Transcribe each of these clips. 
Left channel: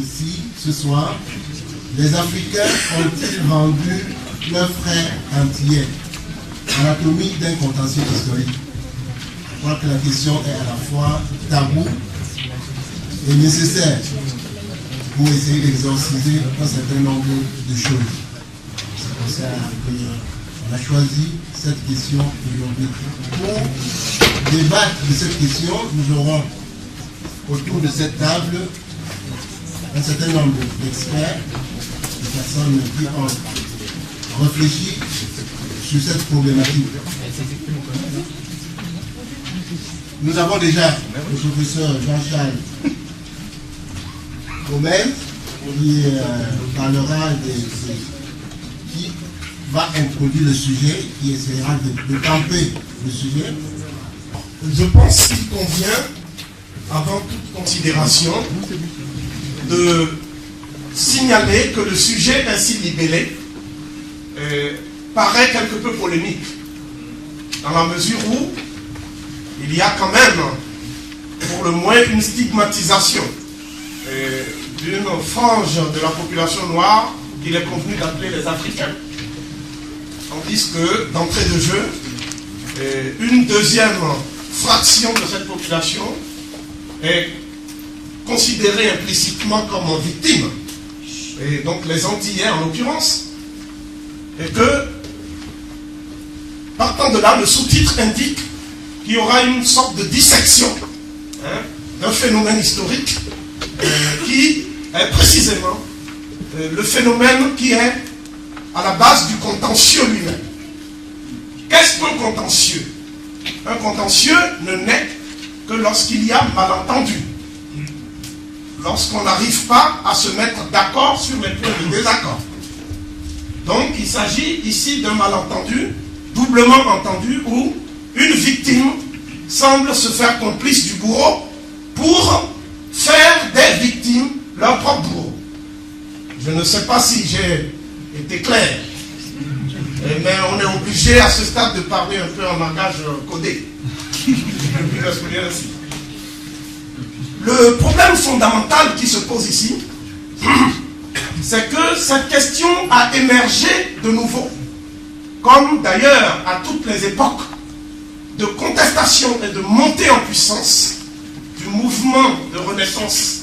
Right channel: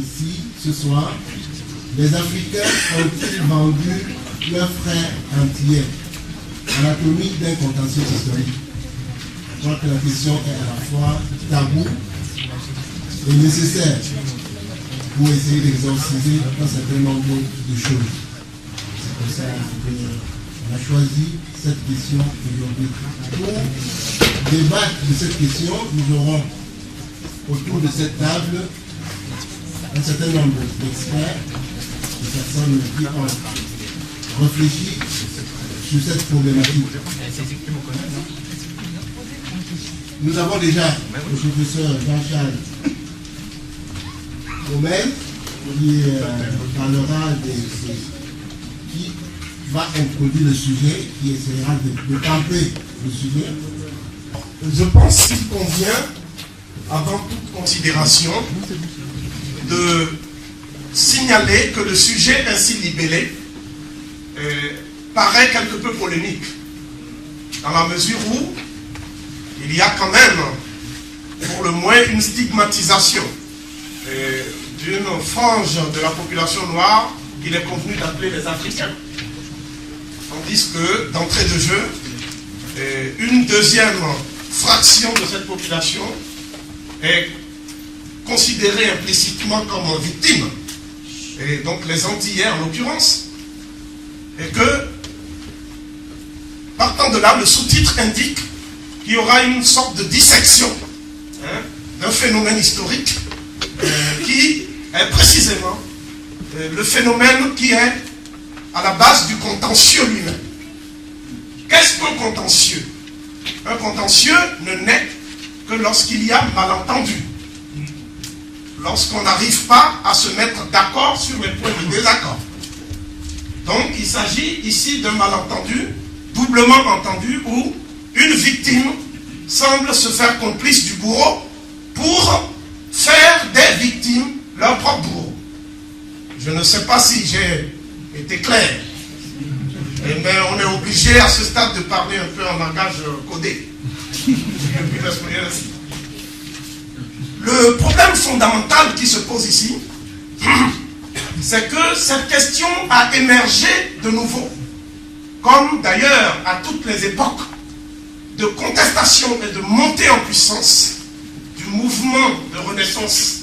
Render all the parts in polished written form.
ici, ce soir, les Africains ont-ils vendu leurs frères antillais? Anatomie d'un contentieux historique. Je crois que la question est à la fois tabou et nécessaire pour essayer d'exorciser un certain nombre de choses. C'est pour ça qu'on a choisi cette question aujourd'hui. Pour débattre de cette question, nous aurons autour de cette table un certain nombre d'experts, de personnes qui ont réfléchi sur cette problématique. Nous avons déjà le professeur Jean-Charles Gomez qui parlera qui va introduire le sujet, qui essaiera de camper le sujet. Je pense qu'il convient, avant toute considération, de signaler que le sujet ainsi libellé paraît quelque peu polémique, dans la mesure où il y a quand même, pour le moins, une stigmatisation d'une frange de la population noire qu'il est convenu d'appeler les Africains. Tandis que, d'entrée de jeu, une deuxième fraction de cette population est considérée implicitement comme victime, et donc les Antillais en l'occurrence, et que, partant de là, le sous-titre indique qu'il y aura une sorte de dissection d'un phénomène historique qui est précisément le phénomène qui est à la base du contentieux lui-même. Qu'est-ce qu'un contentieux? Un contentieux ne naît que lorsqu'il y a malentendu. Lorsqu'on n'arrive pas à se mettre d'accord sur les points de désaccord. Donc il s'agit ici d'un malentendu, doublement entendu, où une victime semble se faire complice du bourreau pour faire des victimes leur propre bourreau. Je ne sais pas si j'ai été clair, mais on est obligé à ce stade de parler un peu en langage codé. Depuis l'expliquer ainsi. Le problème fondamental qui se pose ici, c'est que cette question a émergé de nouveau, comme d'ailleurs à toutes les époques de contestation et de montée en puissance du mouvement de renaissance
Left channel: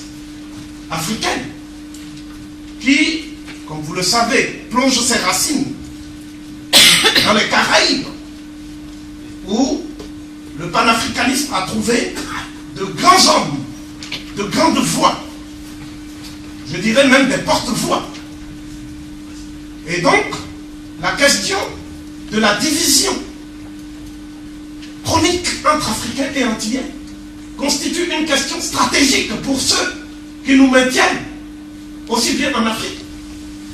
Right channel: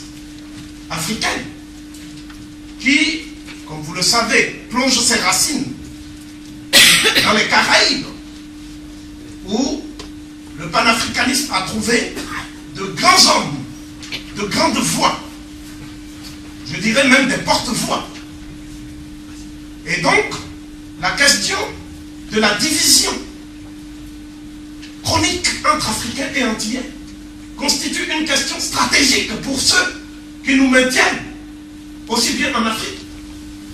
africaine, qui, comme vous le savez, plonge ses racines dans les Caraïbes, où le panafricanisme a trouvé de grands hommes, de grandes voix, je dirais même des porte-voix. Et donc, la question de la division chronique entre Africains et Antillais constitue une question stratégique pour ceux qui nous maintiennent, aussi bien en Afrique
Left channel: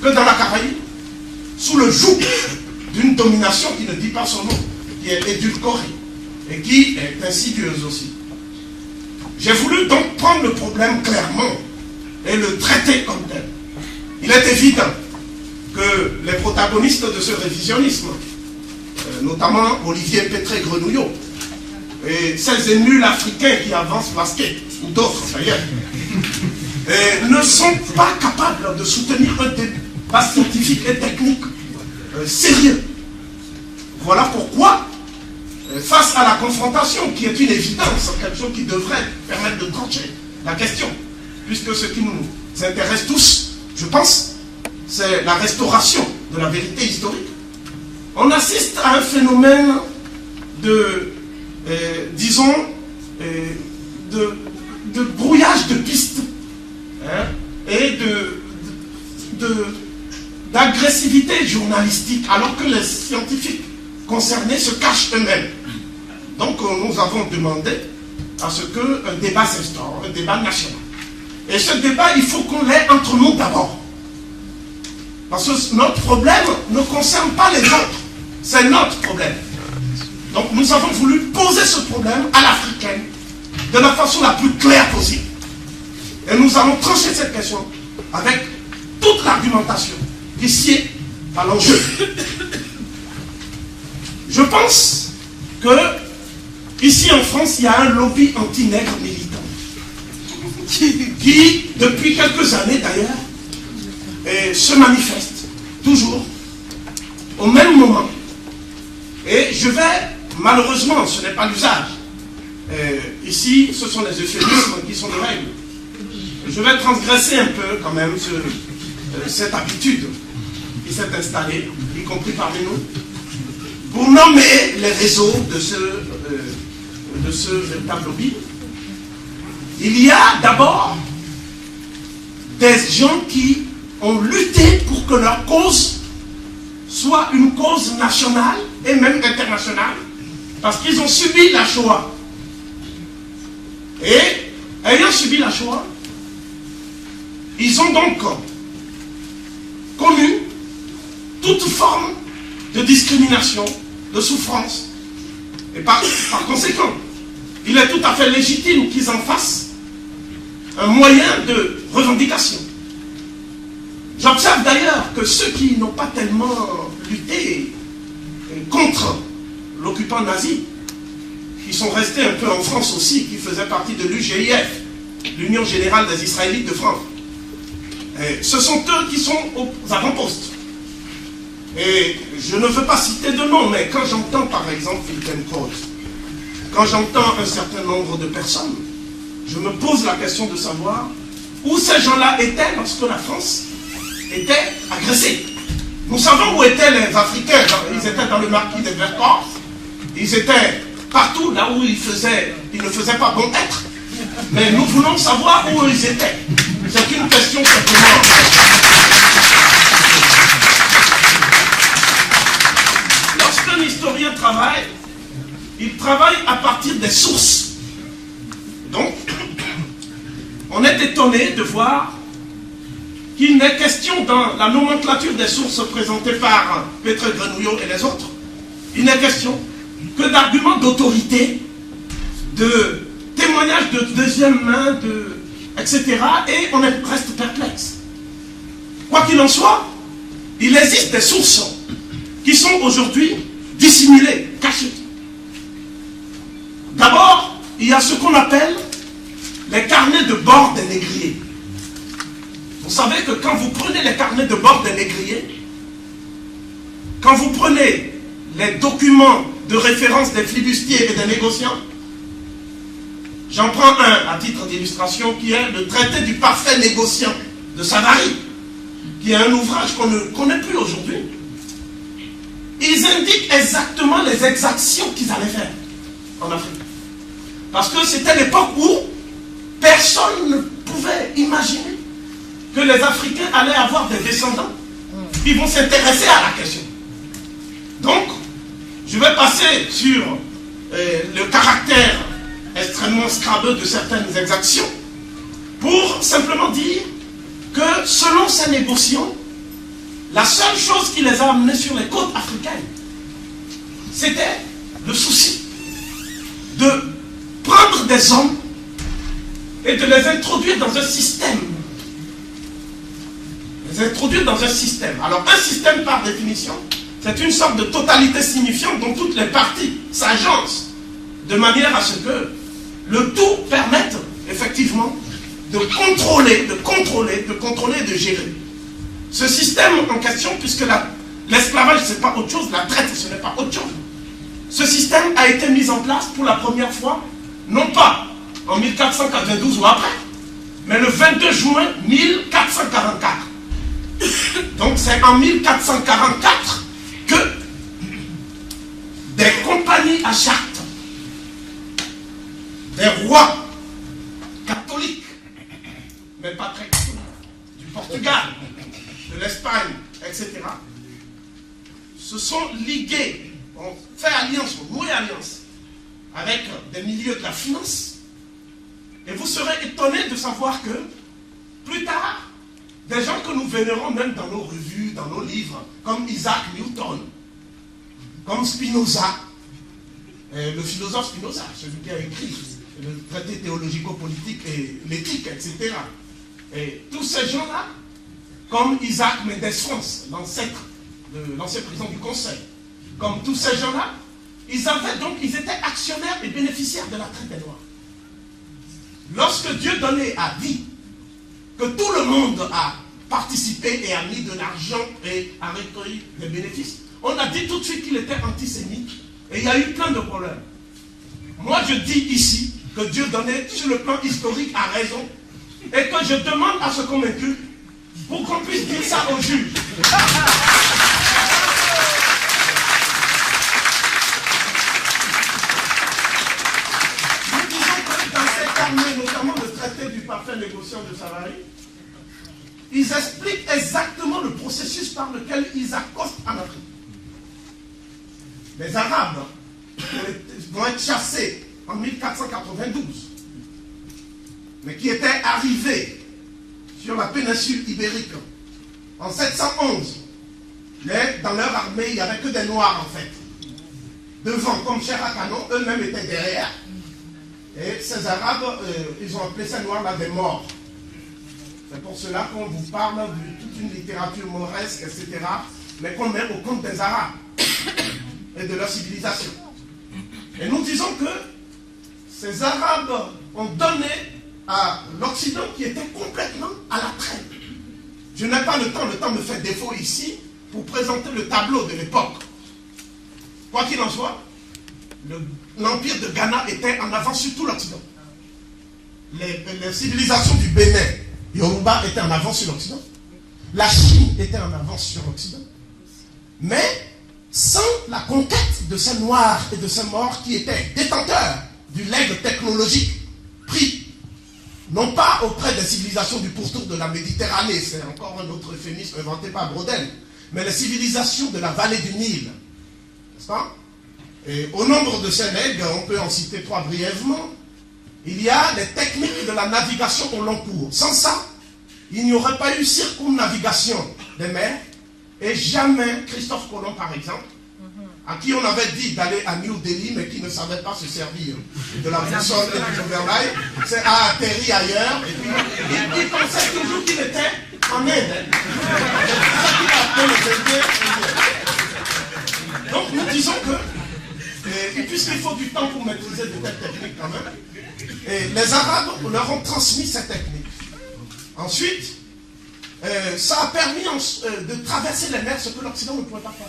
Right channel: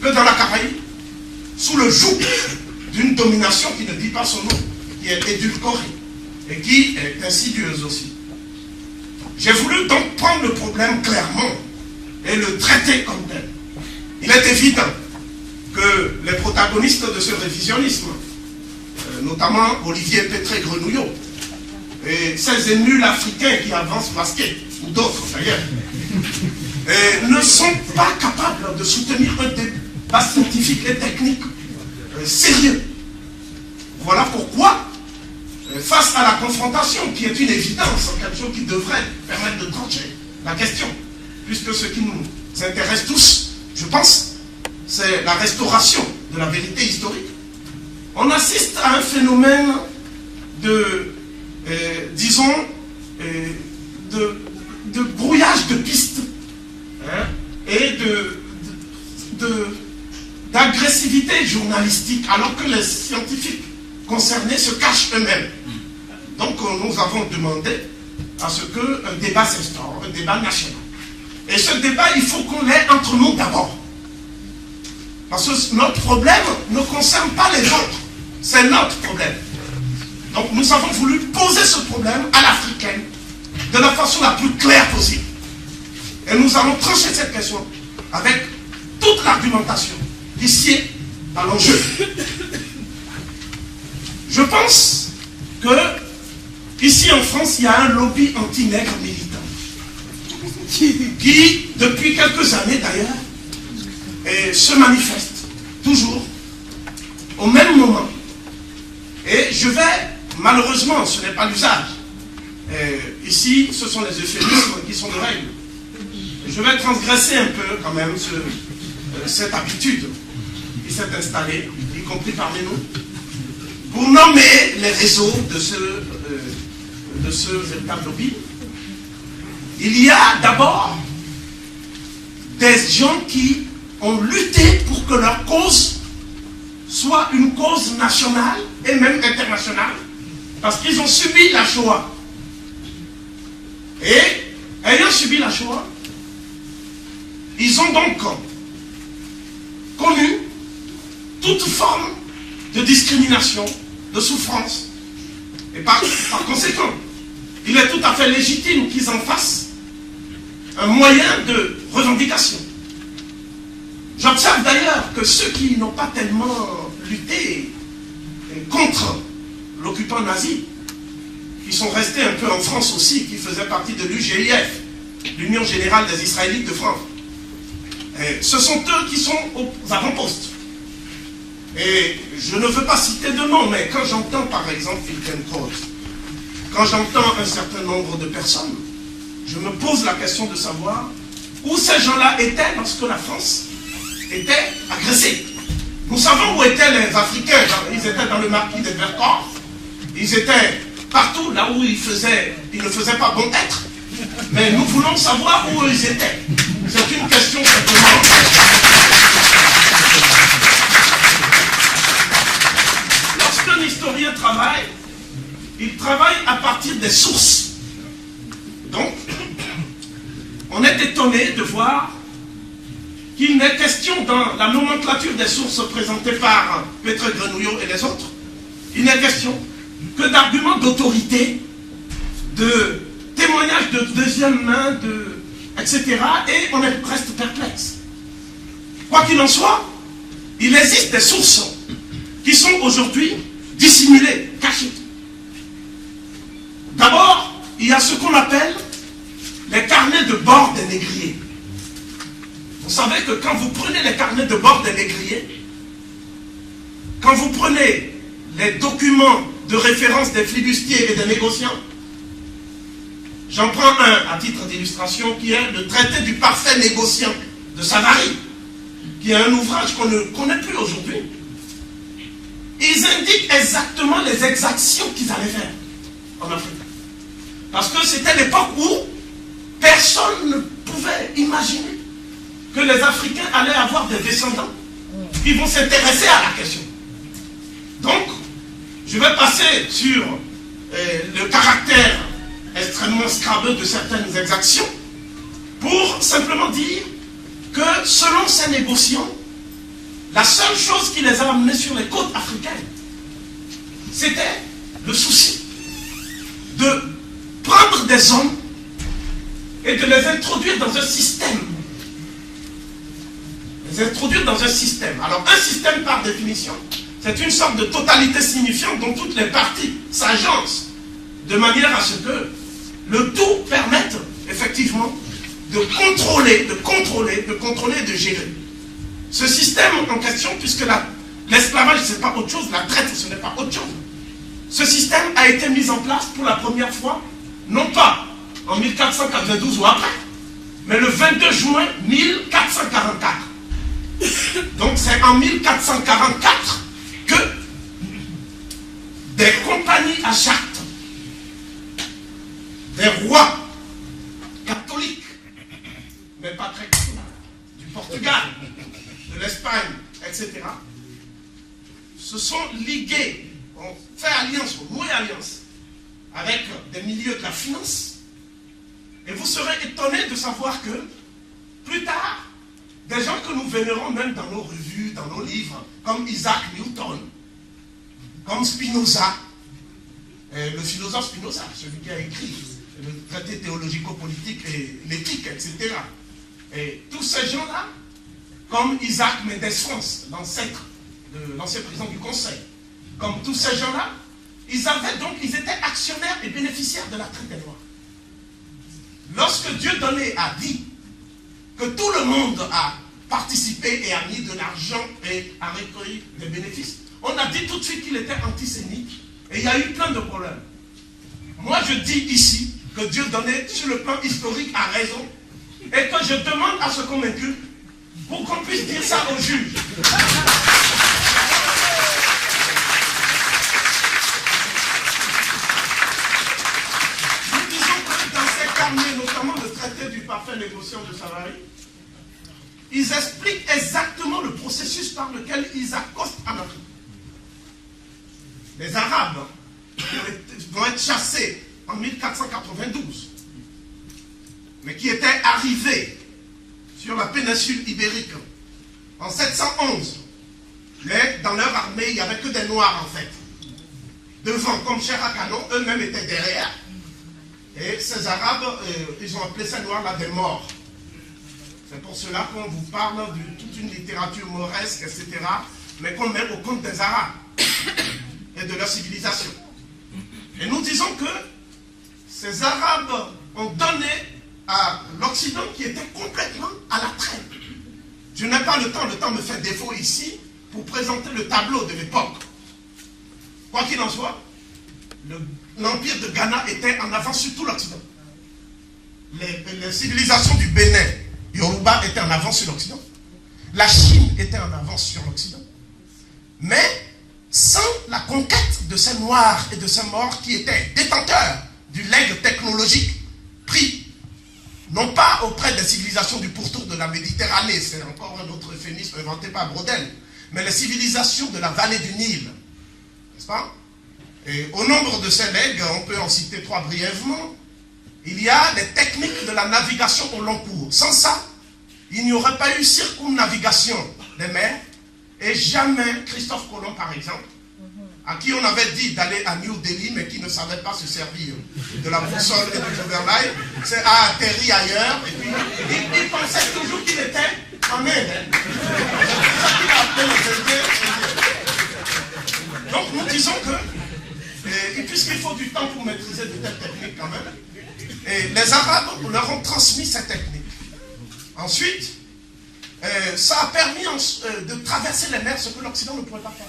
que dans la Caraïbe, sous le joug d'une domination qui ne dit pas son nom, qui est édulcorée et qui est insidieuse aussi. J'ai voulu donc prendre le problème clairement et le traiter comme tel. Il est évident que les protagonistes de ce révisionnisme, notamment Olivier Pétré-Grenouillot, et ces nuls africains qui avancent masqués, ou d'autres d'ailleurs, ne sont pas capables de soutenir un débat scientifique et technique sérieux. Voilà pourquoi, face à la confrontation, qui est une évidence, quelque chose qui devrait permettre de trancher la question, puisque ce qui nous intéresse tous, je pense, c'est la restauration de la vérité historique, on assiste à un phénomène de, disons, de brouillage de pistes, et d'agressivité journalistique, alors que les scientifiques concernés se cachent eux-mêmes. Donc nous avons demandé à ce qu'un débat s'instaure, un débat national. Et ce débat, il faut qu'on l'ait entre nous d'abord. Parce que notre problème ne concerne pas les autres, c'est notre problème. Donc nous avons voulu poser ce problème à l'africaine de la façon la plus claire possible. Et nous allons trancher cette question avec toute l'argumentation ici à l'enjeu. Je pense que ici en France, il y a un lobby anti-nègre militant. qui, depuis quelques années d'ailleurs, se manifeste toujours au même moment. Et je vais, malheureusement, ce n'est pas l'usage. Ici, ce sont les euphémismes qui sont de règle. Je vais transgresser un peu quand même cette habitude qui s'est installée, y compris parmi nous, pour nommer les réseaux de ce véritable lobby. Il y a d'abord des gens qui ont lutté pour que leur cause soit une cause nationale et même internationale, parce qu'ils ont subi la Shoah. Et ayant subi la Shoah, ils ont donc connu toute forme de discrimination, de souffrance. Et par conséquent, il est tout à fait légitime qu'ils en fassent un moyen de revendication. J'observe d'ailleurs que ceux qui n'ont pas tellement lutté contre l'occupant nazi, qui sont restés un peu en France aussi, qui faisaient partie de l'UGIF, l'Union Générale des Israélites de France, ce sont eux qui sont aux avant-postes. Et je ne veux pas citer de nom, mais quand j'entends par exemple Finkielkraut, quand j'entends un certain nombre de personnes, je me pose la question de savoir où ces gens-là étaient lorsque la France était agressée. Nous savons où étaient les Africains. Ils étaient dans le maquis de Vercors. Ils étaient partout là où ils ne faisaient pas bon être. Mais nous voulons savoir où ils étaient. C'est une question simplement. Lorsqu'un historien travaille, il travaille à partir des sources. Donc, on est étonné de voir qu'il n'est question dans la nomenclature des sources présentées par Petre Grenouillot et les autres, il n'est question que d'arguments d'autorité, de témoignages de deuxième main, etc. Et on reste perplexe. Quoi qu'il en soit, il existe des sources qui sont aujourd'hui dissimulées, cachées. D'abord, il y a ce qu'on appelle les carnets de bord des négriers. Vous savez que quand vous prenez les carnets de bord des négriers, quand vous prenez les documents de référence des flibustiers et des négociants, j'en prends un à titre d'illustration qui est le traité du parfait négociant de Savary, qui est un ouvrage qu'on ne connaît plus aujourd'hui. Ils indiquent exactement les exactions qu'ils allaient faire en Afrique. Parce que c'était l'époque où personne ne pouvait imaginer que les Africains allaient avoir des descendants qui vont s'intéresser à la question. Donc, je vais passer sur le caractère extrêmement scrabeux de certaines exactions pour simplement dire que selon ces négociants, la seule chose qui les a amenés sur les côtes africaines, c'était le souci de prendre des hommes et de les introduire dans un système. Les introduire dans un système. Alors un système par définition, c'est une sorte de totalité signifiante dont toutes les parties s'agencent de manière à ce que le tout permette effectivement de contrôler et de gérer. Ce système en question, puisque l'esclavage ce n'est pas autre chose, la traite ce n'est pas autre chose. Ce système a été mis en place pour la première fois, non pas en 1492 ou après, mais le 22 juin 1444. Donc c'est en 1444 que des compagnies à charte, des rois catholiques, mais pas très catholiques, du Portugal, de l'Espagne, etc., se sont ligués, ont fait alliance, ont noué alliance avec des milieux de la finance. Et vous serez étonnés de savoir que, plus tard, des gens que nous vénérons même dans nos revues, dans nos livres, comme Isaac Newton, comme Spinoza, le philosophe Spinoza, celui qui a écrit le traité théologico-politique et l'éthique, etc. Et tous ces gens-là, comme Isaac Mendes France, l'ancêtre de l'ancien président du Conseil, comme tous ces gens-là, ils étaient actionnaires et bénéficiaires de la traite des Noirs. lorsque Dieudonné a dit que tout le monde a participé et a mis de l'argent et a recueilli des bénéfices, on a dit tout de suite qu'il était antisémite et il y a eu plein de problèmes. Moi je dis ici que Dieudonné, sur le plan historique, a raison et que je demande à ce qu'on m'inculpe pour qu'on puisse dire ça aux juges. Nous disons que dans ces termes, notamment le traité du parfait négociant de Savary, ils expliquent exactement le processus par lequel ils accostent en Afrique. Les Arabes vont être chassés en 1492, mais qui étaient arrivés sur la péninsule ibérique en 711. Mais dans leur armée, il n'y avait que des Noirs en fait. Devant, comme Cheikh Kano, eux-mêmes étaient derrière. Et ces Arabes, ils ont appelé ces Noirs-là des morts. C'est pour cela qu'on vous parle de toute une littérature mauresque, etc. Mais qu'on met au compte des Arabes et de leur civilisation. Et nous disons que ces Arabes ont donné à l'Occident qui était complètement à la traîne. Je n'ai pas le temps me fait défaut ici pour présenter le tableau de l'époque. Quoi qu'il en soit, l'empire de Ghana était en avance sur tout l'Occident. Les civilisations du Bénin, Yoruba étaient en avance sur l'Occident. La Chine était en avance sur l'Occident. Mais sans la conquête de ces Noirs et de ces Morts qui étaient détenteurs du legs technologique pris, non pas auprès des civilisations du pourtour de la Méditerranée, c'est encore un autre euphémisme inventé par Brodel, mais les civilisations de la vallée du Nil, n'est-ce pas? Et au nombre de ces legs, on peut en citer trois brièvement. Il y a les techniques de la navigation au long cours. Sans ça, il n'y aurait pas eu circumnavigation des mers. Et jamais Christophe Colomb, par exemple, à qui on avait dit d'aller à New Delhi, mais qui ne savait pas se servir de la boussole et du gouvernail, a atterri ailleurs. Et puis, il pensait toujours qu'il était en Inde. Donc nous disons que, et puisqu'il faut du temps pour maîtriser de telles techniques quand même, et les Arabes leur ont transmis ces techniques. Ensuite, ça a permis de traverser les mers, ce que l'Occident ne pouvait pas faire.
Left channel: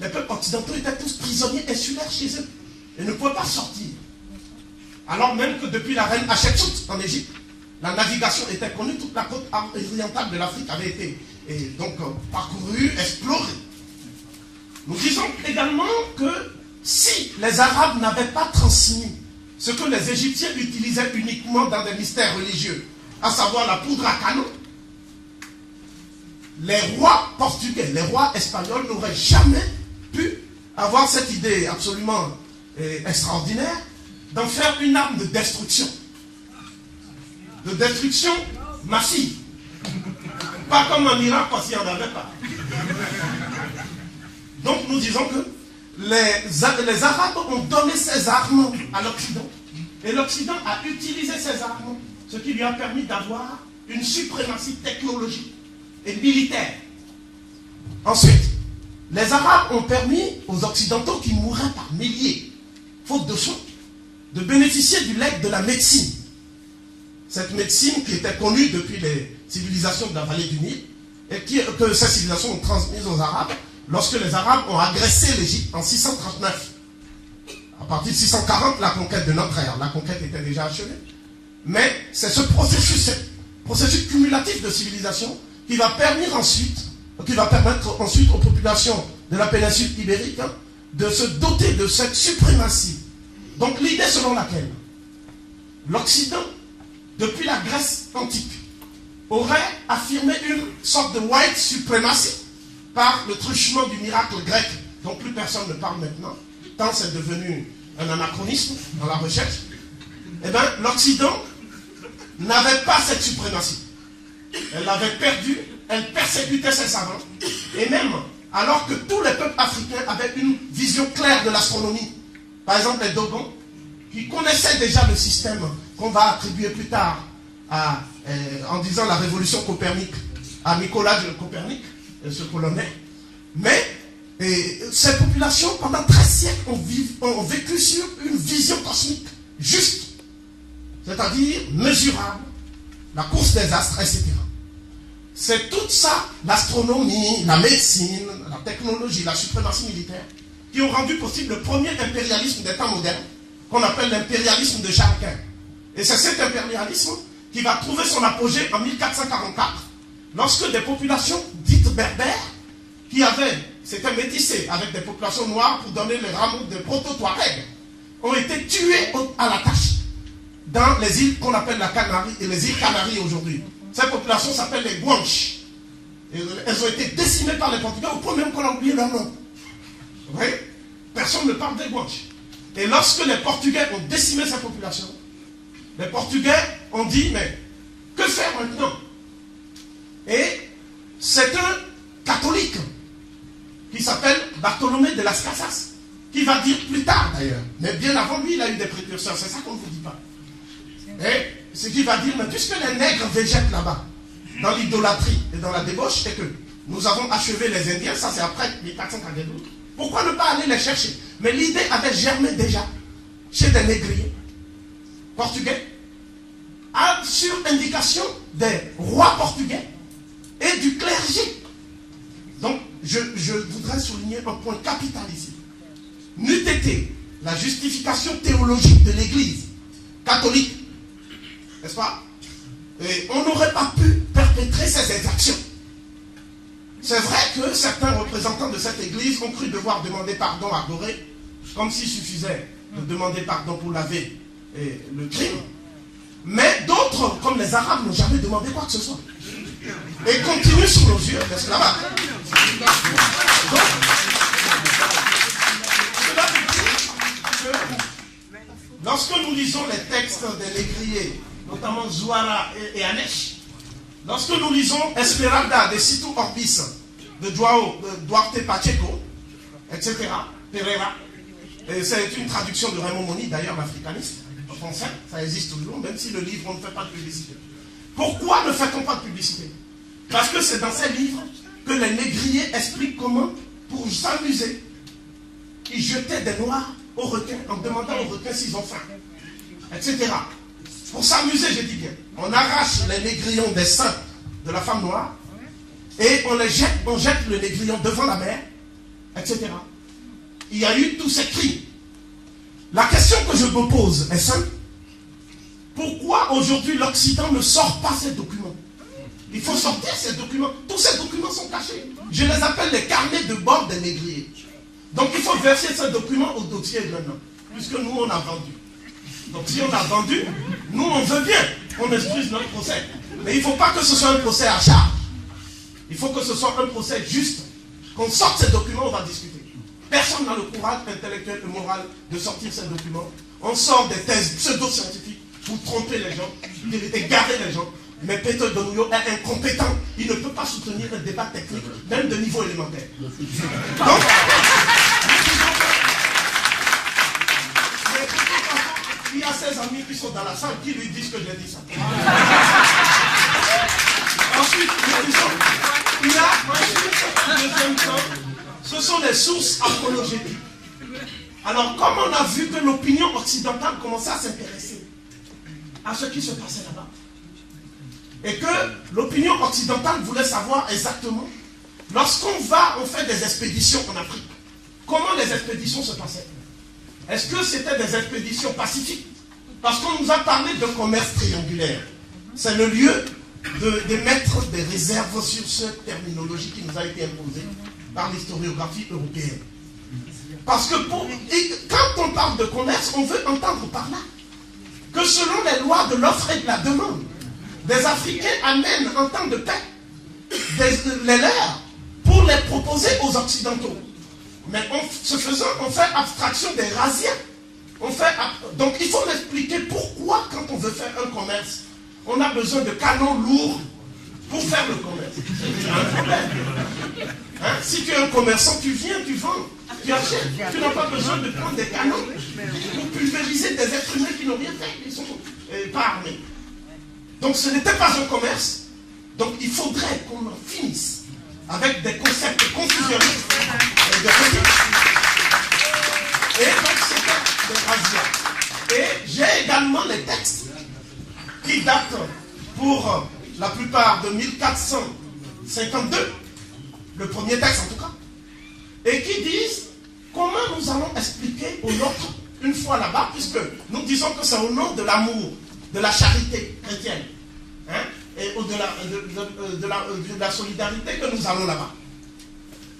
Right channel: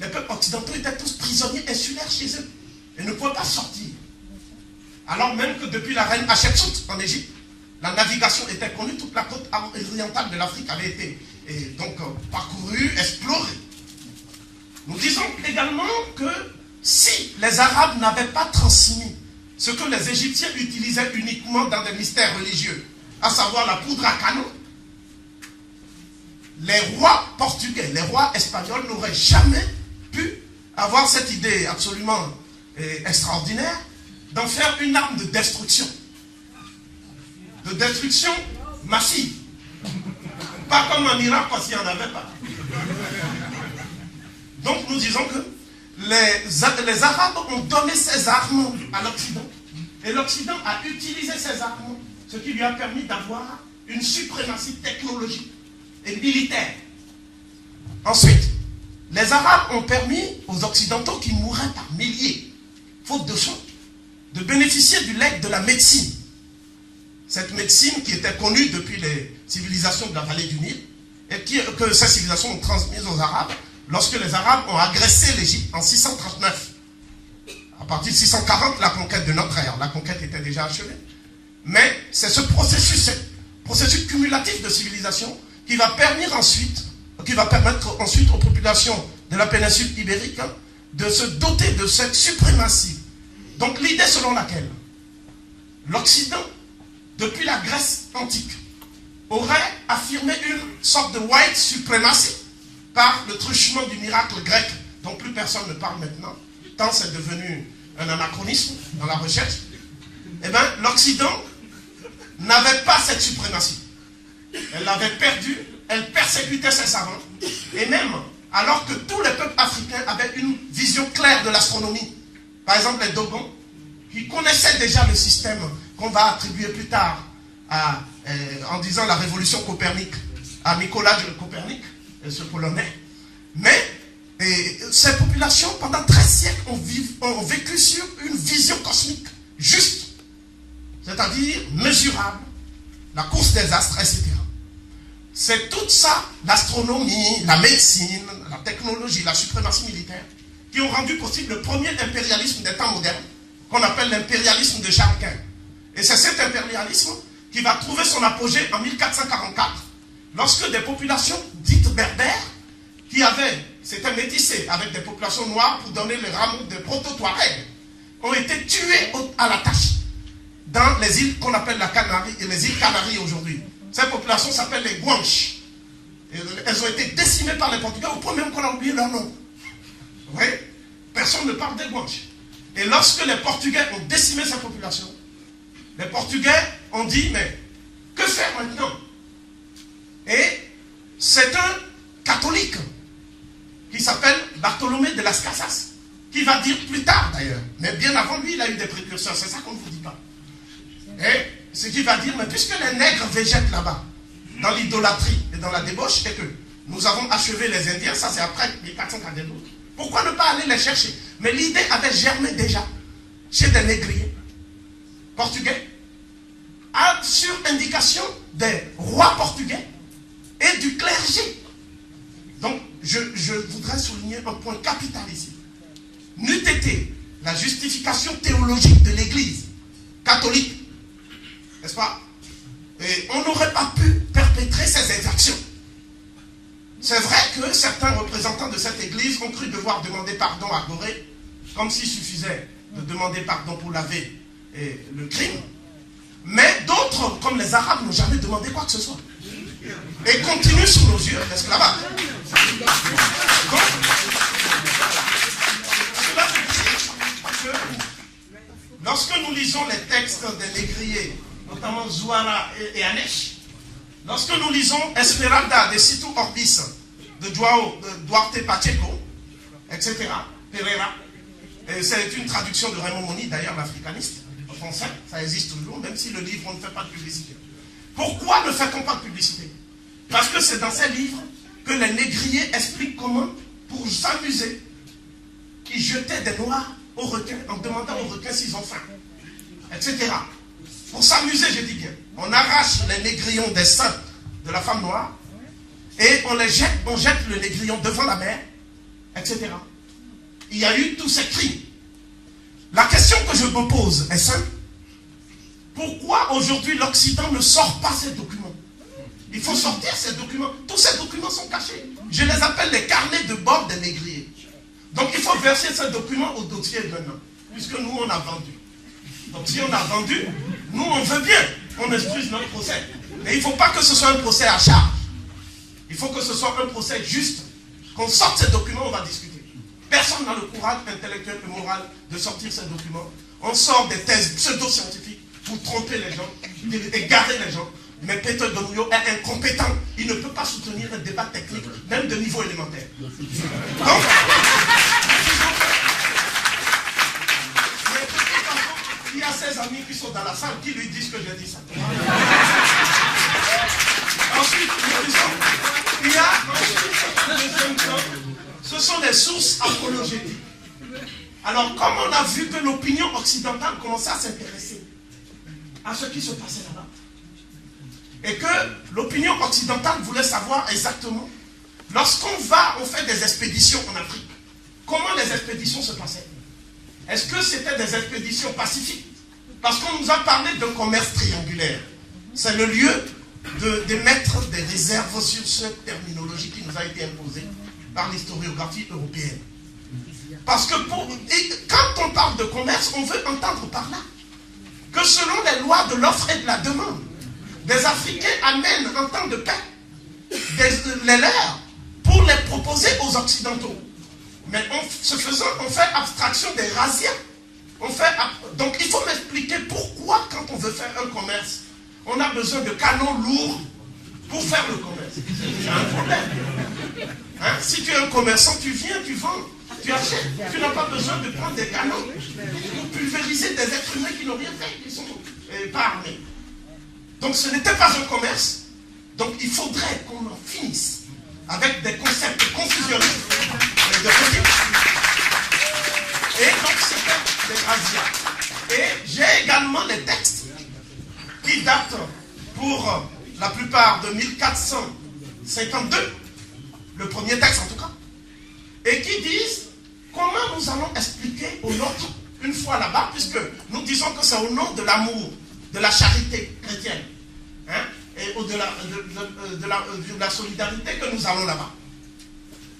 Les peuples occidentaux étaient tous prisonniers insulaires chez eux et ne pouvaient pas sortir. Alors même que depuis la reine Hatshepsut en Égypte, la navigation était connue, toute la côte orientale de l'Afrique avait été donc parcourue, explorée. Nous disons également que si les Arabes n'avaient pas transmis ce que les Égyptiens utilisaient uniquement dans des mystères religieux, à savoir la poudre à canon, les rois portugais, les rois espagnols n'auraient jamais pu avoir cette idée absolument extraordinaire d'en faire une arme de destruction massive. Pas comme en Irak, parce qu'il n'y en avait pas. Donc nous disons que les Arabes ont donné ces armes à l'Occident. Et l'Occident a utilisé ces armes, ce qui lui a permis d'avoir une suprématie technologique et militaire. Ensuite, les Arabes ont permis aux Occidentaux qui mouraient par milliers, faute de soins, de bénéficier du legs de la médecine. Cette médecine qui était connue depuis les civilisations de la vallée du Nil, et que ces civilisations ont transmise aux Arabes lorsque les Arabes ont agressé l'Égypte en 639. À partir de 640, la conquête de notre ère. La conquête était déjà achevée. Mais c'est ce processus cumulatif de civilisation qui va permettre ensuite aux populations de la péninsule ibérique de se doter de cette suprématie. Donc l'idée selon laquelle l'Occident, depuis la Grèce antique, aurait affirmé une sorte de white supremacy par le truchement du miracle grec dont plus personne ne parle maintenant, tant c'est devenu un anachronisme dans la recherche. Eh bien, l'Occident n'avait pas cette suprématie. Elle l'avait perdue, elle persécutait ses savants, et même alors que tous les peuples africains avaient une vision claire de l'astronomie, par exemple les Dogons, qui connaissaient déjà le système qu'on va attribuer plus tard en disant la révolution Copernic, à Nicolas de Copernic, ce Polonais. Mais ces populations, pendant 13 siècles, ont vécu sur une vision cosmique juste. C'est-à-dire c'est-à-dire mesurable, la course des astres, etc. C'est tout ça, l'astronomie, la médecine, la technologie, la suprématie militaire, qui ont rendu possible le premier impérialisme des temps modernes, qu'on appelle l'impérialisme de Charles Quint. Et c'est cet impérialisme qui va trouver son apogée en 1444, lorsque des populations dites berbères, qui s'étaient métissées avec des populations noires pour donner les rameaux de proto-Touareg, ont été tuées à la tâche dans les îles qu'on appelle la Canarie et les îles Canaries aujourd'hui. Ces populations s'appellent les Guanches. Elles ont été décimées par les Portugais au point même qu'on a oublié leur nom. Vous voyez? Personne ne parle des Guanches. Et lorsque les Portugais ont décimé ces populations, les Portugais ont dit, mais que faire maintenant? Et c'est un catholique qui s'appelle Bartholomé de las Casas, qui va dire plus tard d'ailleurs, mais bien avant lui, il a eu des précurseurs, c'est ça qu'on ne vous dit pas. Et ce qui va dire, mais puisque les nègres végètent là-bas, dans l'idolâtrie et dans la débauche, et que nous avons achevé les Indiens, ça c'est après 1442, pourquoi ne pas aller les chercher? Mais l'idée avait germé déjà chez des négriers portugais, sur indication des rois portugais et du clergé. Donc, je voudrais souligner un point capital ici. N'eût été la justification théologique de l'Église catholique, n'est-ce pas? Et on n'aurait pas pu perpétrer ces exactions. C'est vrai que certains représentants de cette Église ont cru devoir demander pardon à Gorée, comme s'il suffisait de demander pardon pour laver le crime. Mais d'autres, comme les Arabes, n'ont jamais demandé quoi que ce soit. Et continuent sur nos yeux l'esclavage. Cela veut dire que lorsque nous lisons les textes des négriers, notamment Zouara et Anesh, lorsque nous lisons Esmeralda de Situ Orbis, de Duarte Pacheco, etc., Pereira, c'est une traduction de Raymond Moni, d'ailleurs l'africaniste, en français, ça existe toujours, même si le livre, on ne fait pas de publicité. Pourquoi ne fait-on pas de publicité? Parce que c'est dans ces livres que les négriers expliquent comment, pour s'amuser, ils jetaient des noirs aux requins, en demandant aux requins s'ils ont faim, etc. Pour s'amuser, je dis bien. On arrache les négrillons des seins de la femme noire et on jette le négrillon devant la mer, etc. Il y a eu tous ces crimes. La question que je me pose est simple. Pourquoi aujourd'hui l'Occident ne sort pas ces documents? Il faut sortir ces documents. Tous ces documents sont cachés. Je les appelle les carnets de bord des négriers. Donc il faut verser ces documents au dossier maintenant, puisque nous on a vendu. Donc si on a vendu, nous on veut bien qu'on instruise notre procès. Mais il ne faut pas que ce soit un procès à charge. Il faut que ce soit un procès juste. Qu'on sorte ces documents, on va discuter. Personne n'a le courage intellectuel et moral de sortir ces documents. On sort des thèses pseudo-scientifiques pour tromper les gens, égarer les gens. Mais Peter Donouyo est incompétent. Il ne peut pas soutenir un débat technique, même de niveau élémentaire. Donc, il y a ses amis qui sont dans la salle qui lui disent que j'ai dit ça. Ensuite, il y a un deuxième temps, ce sont des sources apologétiques. Alors, comme on a vu que l'opinion occidentale commençait à s'intéresser à ce qui se passait là-bas, et que l'opinion occidentale voulait savoir exactement, lorsqu'on fait des expéditions en Afrique, comment les expéditions se passaient? Est-ce que c'était des expéditions pacifiques? Parce qu'on nous a parlé d'un commerce triangulaire. C'est le lieu de mettre des réserves sur cette terminologie qui nous a été imposée par l'historiographie européenne. Parce que quand on parle de commerce, on veut entendre par là que selon les lois de l'offre et de la demande, des Africains amènent en temps de paix les leurs pour les proposer aux Occidentaux. Mais ce faisant, on fait abstraction des razzias. Donc il faut m'expliquer pourquoi, quand on veut faire un commerce, on a besoin de canons lourds pour faire le commerce. C'est un problème. Hein? Si tu es un commerçant, tu viens, tu vends, tu achètes. Tu n'as pas besoin de prendre des canons pour pulvériser des êtres humains qui n'ont rien fait, qui ne sont pas armés. Donc ce n'était pas un commerce. Donc il faudrait qu'on en finisse avec des concepts confusionnistes. Et donc c'était des razzias. Et j'ai également les textes date pour la plupart de 1452, le premier texte en tout cas, et qui disent comment nous allons expliquer aux nôtres une fois là-bas, puisque nous disons que c'est au nom de l'amour, de la charité chrétienne, hein, et de la solidarité que nous allons là-bas.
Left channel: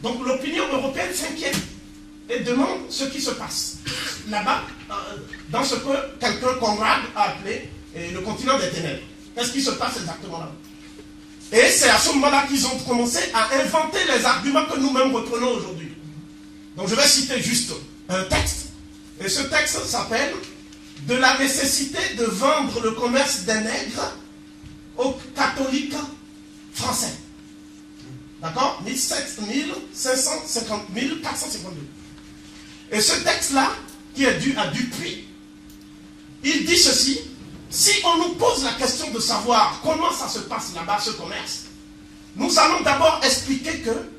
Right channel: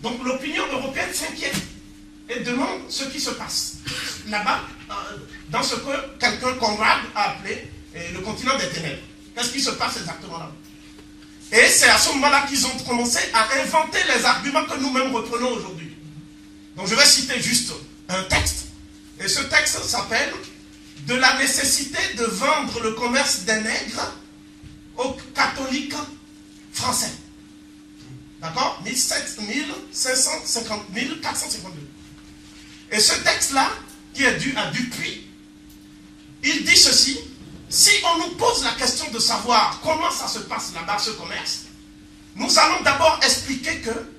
Donc l'opinion européenne s'inquiète et demande ce qui se passe là-bas, dans ce que quelqu'un, Conrad, a appelé le continent des ténèbres. Qu'est-ce qui se passe exactement là-bas? Et c'est à ce moment-là qu'ils ont commencé à inventer les arguments que nous-mêmes reprenons aujourd'hui. Donc je vais citer juste un texte, et ce texte s'appelle « De la nécessité de vendre le commerce des nègres aux catholiques français ». D'accord? 1452. Et ce texte-là, qui est dû à Dupuis, il dit ceci: si on nous pose la question de savoir comment ça se passe là-bas, ce commerce, nous allons d'abord expliquer que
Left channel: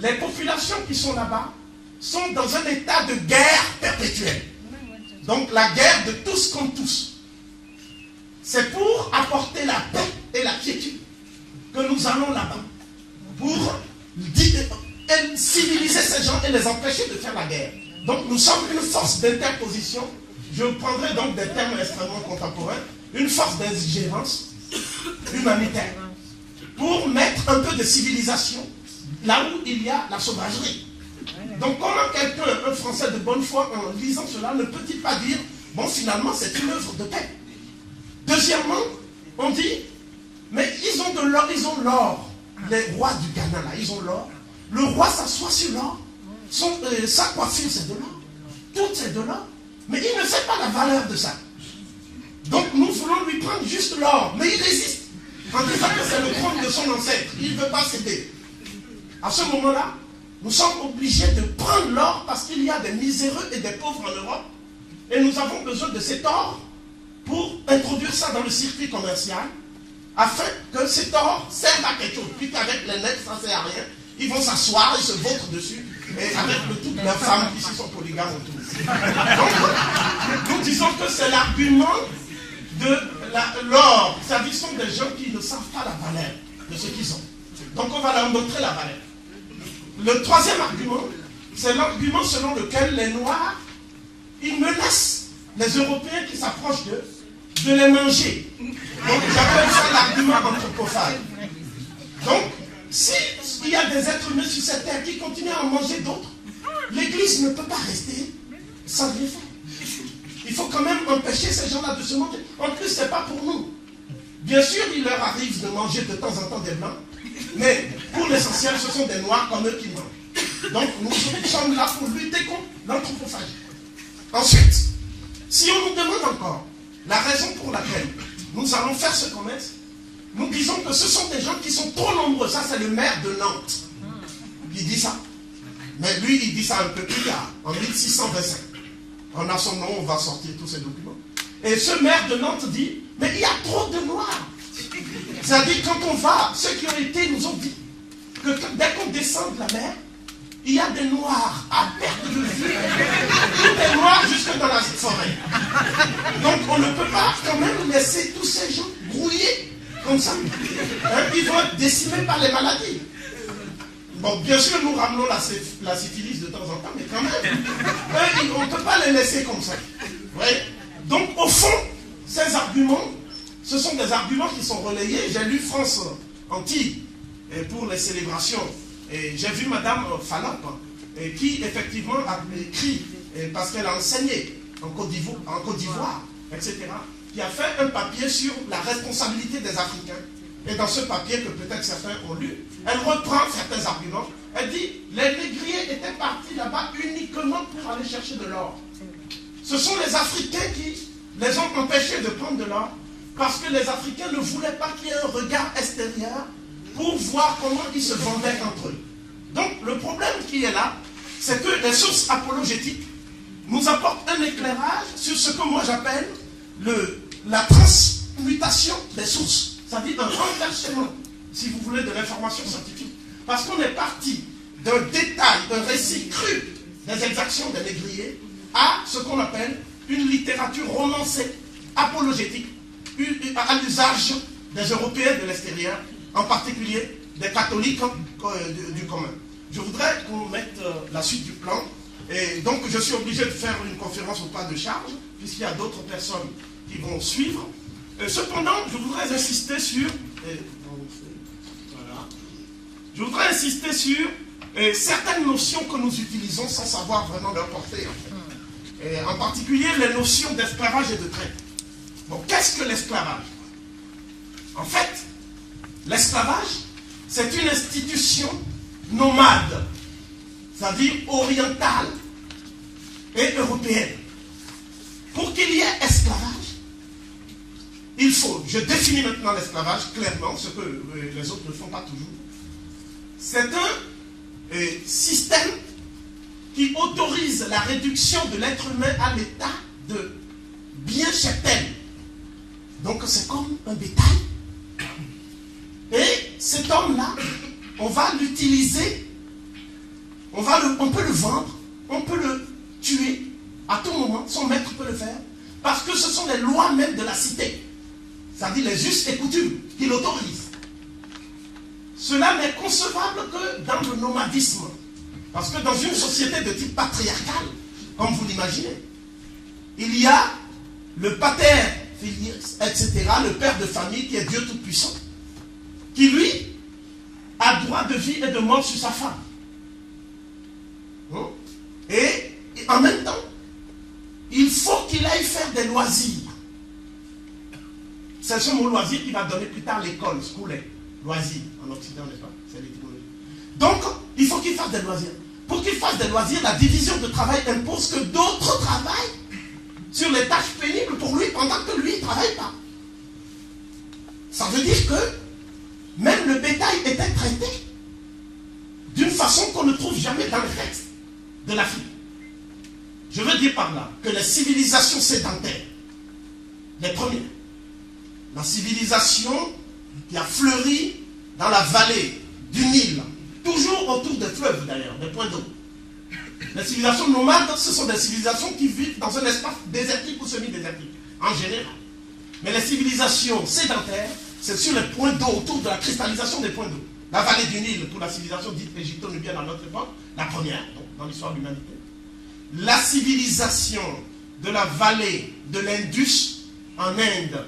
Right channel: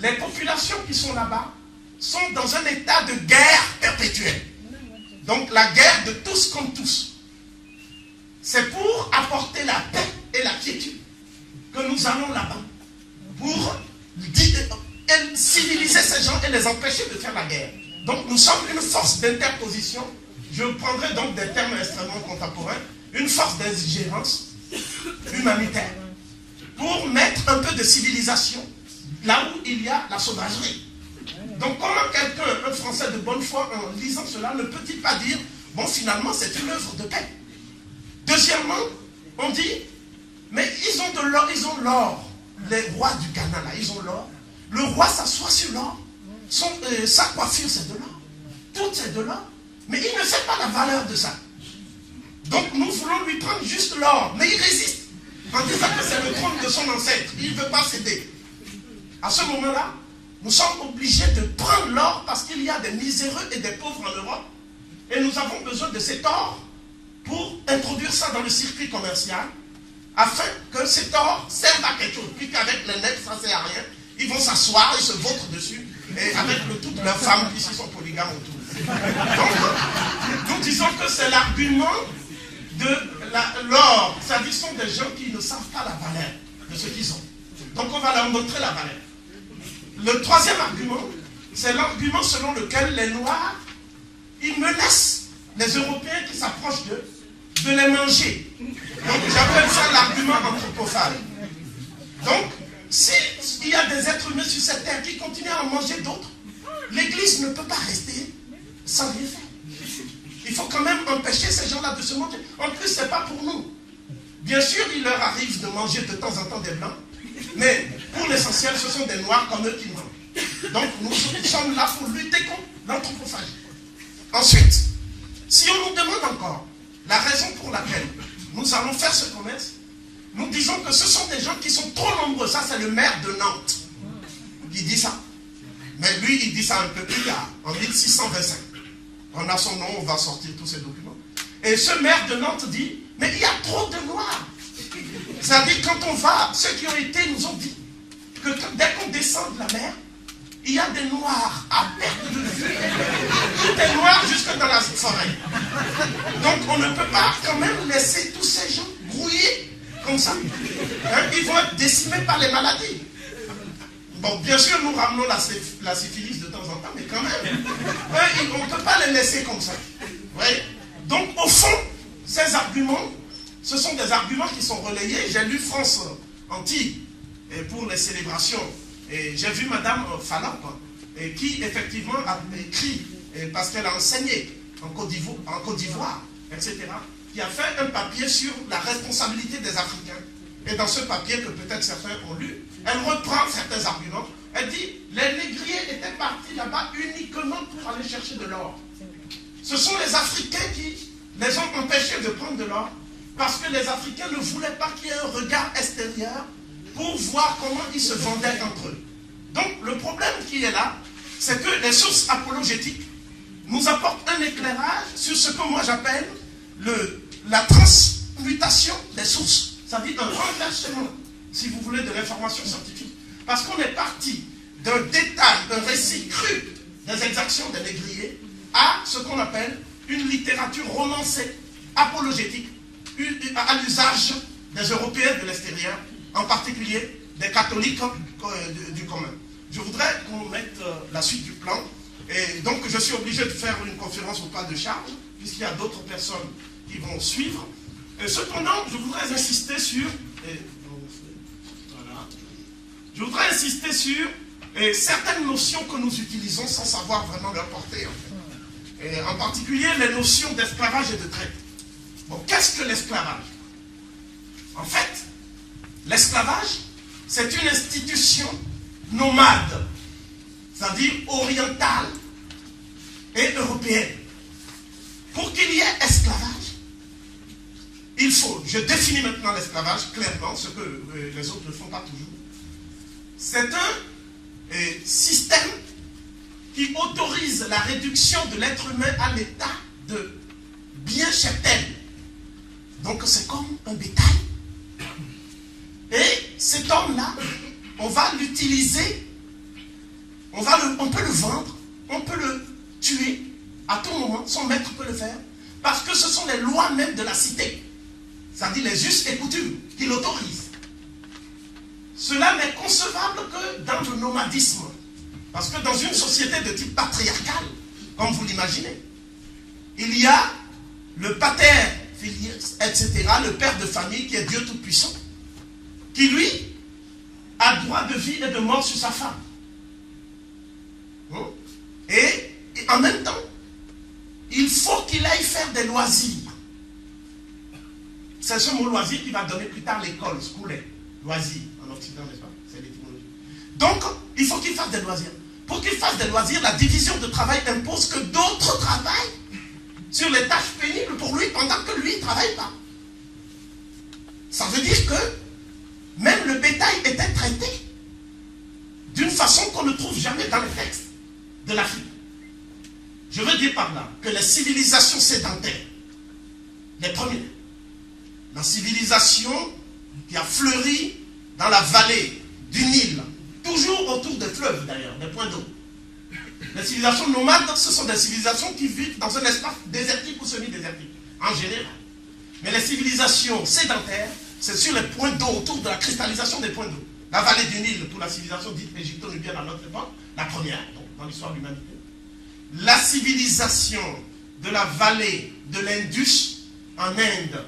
les populations qui sont là-bas sont dans un état de guerre perpétuelle. Donc la guerre de tous contre tous. C'est pour apporter la paix et la quiétude que nous allons là-bas, pour civiliser ces gens et les empêcher de faire la guerre. Donc nous sommes une force d'interposition, je prendrai donc des termes extrêmement contemporains, une force d'ingérence humanitaire, pour mettre un peu de civilisation là où il y a la sauvagerie. Donc comment quelqu'un, un Français de bonne foi, en lisant cela, ne peut-il pas dire, bon finalement c'est une œuvre de paix. Deuxièmement, on dit, mais ils ont de l'or, ils ont l'or. Les rois du Ghana là, ils ont l'or. Le roi s'assoit sur l'or. Sa coiffure c'est de l'or. Tout c'est de l'or. Mais il ne sait pas la valeur de ça. Donc nous voulons lui prendre juste l'or. Mais il résiste. En disant que c'est le trône de son ancêtre. Il ne veut pas céder. À ce moment-là, nous sommes obligés de prendre l'or parce qu'il y a des miséreux et des pauvres en Europe. Et nous avons besoin de cet or pour introduire ça dans le circuit commercial, afin que cet or serve à quelque chose. Puis qu'avec les nègres, ça ne sert à rien. Ils vont s'asseoir et se vautrent dessus. Et avec toutes leurs femmes qui sont polygames autour. Donc, nous disons que c'est l'argument de l'or. C'est-à-dire ce sont des gens qui ne savent pas la valeur de ce qu'ils ont. Donc on va leur montrer la valeur. Le troisième argument, c'est l'argument selon lequel les Noirs, ils menacent les Européens qui s'approchent d'eux de les manger. Donc j'appelle ça l'argument anthropophage. Donc, s'il y a des êtres humains sur cette terre qui continuent à en manger d'autres, l'Église ne peut pas rester sans rien faire. Il faut quand même empêcher ces gens-là de se manger. En plus, ce n'est pas pour nous. Bien sûr, il leur arrive de manger de temps en temps des Blancs, mais pour l'essentiel, ce sont des Noirs comme eux qui mangent. Donc, nous sommes là pour lutter contre l'anthropophagie. Ensuite, si on nous demande encore la raison pour laquelle nous allons faire ce commerce, nous disons que ce sont des gens qui sont trop nombreux. Ça, c'est le maire de Nantes qui dit ça. Mais lui, il dit ça un peu plus tard, en 1625. On a son nom, on va sortir tous ces documents. Et ce maire de Nantes dit, mais il y a trop de Noirs. C'est-à-dire, quand on va, ceux qui ont été nous ont dit que dès qu'on descend de la mer, il y a des Noirs à perte de vue, des Noirs jusque dans la forêt. Donc on ne peut pas quand même laisser tous ces gens brouiller comme ça. Hein, ils vont être décimés par les maladies. Bon, bien sûr, nous ramenons la syphilis de temps en temps, mais quand même, on ne peut pas les laisser comme ça. Ouais. Donc au fond, ces arguments, ce sont des arguments qui sont relayés. J'ai lu France Antilles pour les célébrations. Et j'ai vu Madame Fallamp, qui effectivement a écrit, parce qu'elle a enseigné en Côte d'Ivoire, etc., qui a fait un papier sur la responsabilité des Africains. Et dans ce papier que peut-être certains ont lu, elle reprend certains arguments. Elle dit, les négriers étaient partis là-bas uniquement pour aller chercher de l'or. Ce sont les Africains qui les ont empêchés de prendre de l'or, parce que les Africains ne voulaient pas qu'il y ait un regard extérieur pour voir comment ils se vendaient entre eux. Donc le problème qui est là, c'est que les sources apologétiques nous apportent un éclairage sur ce que moi j'appelle la transmutation des sources, c'est-à-dire un renversement, si vous voulez, de l'information scientifique. Parce qu'on est parti d'un détail, d'un récit cru des exactions des négriers à ce qu'on appelle une littérature romancée, apologétique, à l'usage des Européens de l'extérieur, en particulier des catholiques du commun. Je voudrais qu'on mette la suite du plan. Et donc, je suis obligé de faire une conférence au pas de charge, puisqu'il y a d'autres personnes qui vont suivre. Cependant, je voudrais insister sur... Je voudrais insister sur certaines notions que nous utilisons sans savoir vraiment leur portée, en fait. Et en particulier, les notions d'esclavage et de traite. Bon, qu'est-ce que l'esclavage? En fait, l'esclavage, c'est une institution nomade, c'est-à-dire orientale et européenne. Pour qu'il y ait esclavage, il faut, je définis maintenant l'esclavage clairement, ce que les autres ne font pas toujours. C'est un système qui autorise la réduction de l'être humain à l'état de bien cheptel. Donc c'est comme un bétail. Et cet homme-là, on va l'utiliser, on peut le vendre, on peut le tuer à tout moment, son maître peut le faire, parce que ce sont les lois même de la cité, c'est-à-dire les us et coutumes qui l'autorisent. Cela n'est concevable que dans le nomadisme, parce que dans une société de type patriarcal, comme vous l'imaginez, il y a le pater filius, etc., le père de famille qui est Dieu Tout-Puissant, qui lui a droit de vie et de mort sur sa femme. Et en même temps, il faut qu'il aille faire des loisirs. C'est ce mot loisir qui va donner plus tard l'école, schooling, loisirs, en Occident, n'est-ce pas? C'est l'étymologie. Donc, il faut qu'il fasse des loisirs. Pour qu'il fasse des loisirs, la division de travail impose que d'autres travaillent sur les tâches pénibles pour lui pendant que lui ne travaille pas. Ça veut dire que même le bétail était traité d'une façon qu'on ne trouve jamais dans les textes de l'Afrique. Je veux dire par là que les civilisations sédentaires, les premières, la civilisation qui a fleuri dans la vallée du Nil, toujours autour des fleuves d'ailleurs, des points d'eau. Les civilisations nomades, ce sont des civilisations qui vivent dans un espace désertique ou semi-désertique, en général. Mais les civilisations sédentaires, c'est sur les points d'eau, autour de la cristallisation des points d'eau. La vallée du Nil, pour la civilisation dite égypto-nubienne à notre époque, la première, donc, dans l'histoire de l'humanité. La civilisation de la vallée de l'Indus en Inde,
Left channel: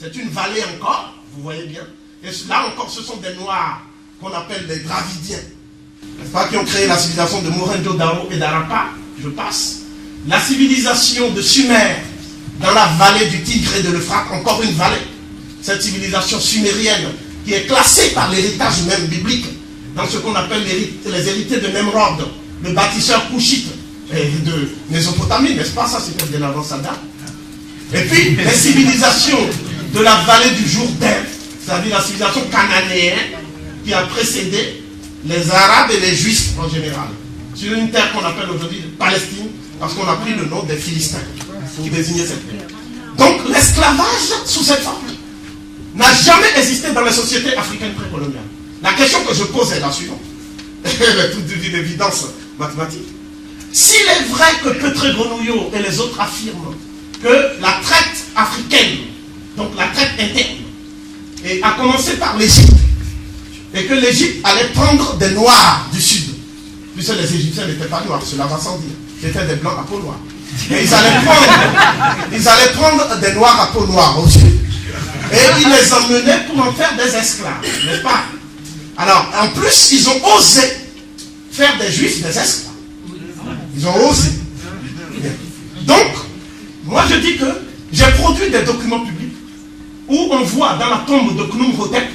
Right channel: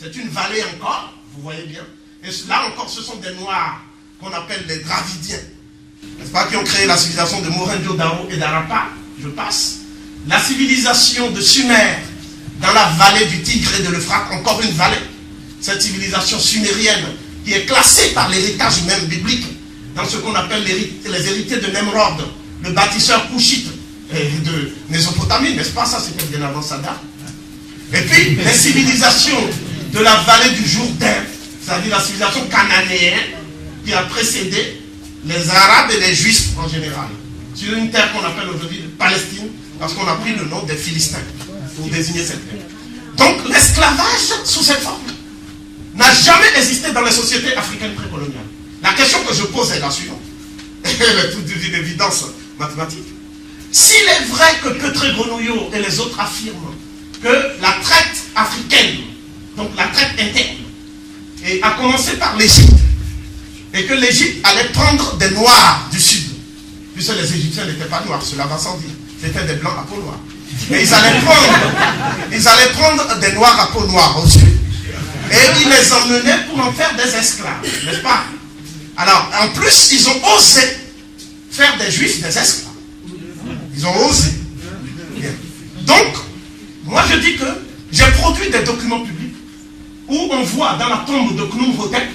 c'est une vallée encore, vous voyez bien. Et là encore, ce sont des Noirs qu'on appelle les Dravidiens, n'est-ce pas, qui ont créé la civilisation de Mohenjo-Daro et d'Harappa, je passe. La civilisation de Sumer, dans la vallée du Tigre et de l'Euphrate, encore une vallée. Cette civilisation sumérienne qui est classée par l'héritage même biblique dans ce qu'on appelle les héritiers de Nemrod, le bâtisseur couchite de Mésopotamie, n'est-ce pas? Ça, c'était bien avant Saddam. Et puis, les civilisations de la vallée du Jourdain, c'est-à-dire la civilisation cananéenne qui a précédé les Arabes et les Juifs en général, sur une terre qu'on appelle aujourd'hui Palestine, parce qu'on a pris le nom des Philistins pour désigner cette terre. Donc, l'esclavage sous cette forme n'a jamais existé dans les sociétés africaines précoloniales. La question que je pose est la suivante, elle est toute d'une évidence mathématique. S'il est vrai que Petré-Grenouillot et les autres affirment que la traite africaine, donc la traite interne, a commencé par l'Égypte, et que l'Égypte allait prendre des Noirs du Sud, puisque les Égyptiens n'étaient pas noirs, cela va sans dire, c'était des Blancs à peau noire. Et ils allaient prendre des Noirs à peau noire au Sud, et ils les emmenaient pour en faire des esclaves, n'est-ce pas? Alors, en plus, ils ont osé faire des Juifs des esclaves. Ils ont osé. Donc, moi je dis que j'ai produit des documents publics où on voit dans la tombe de Khnumhotep,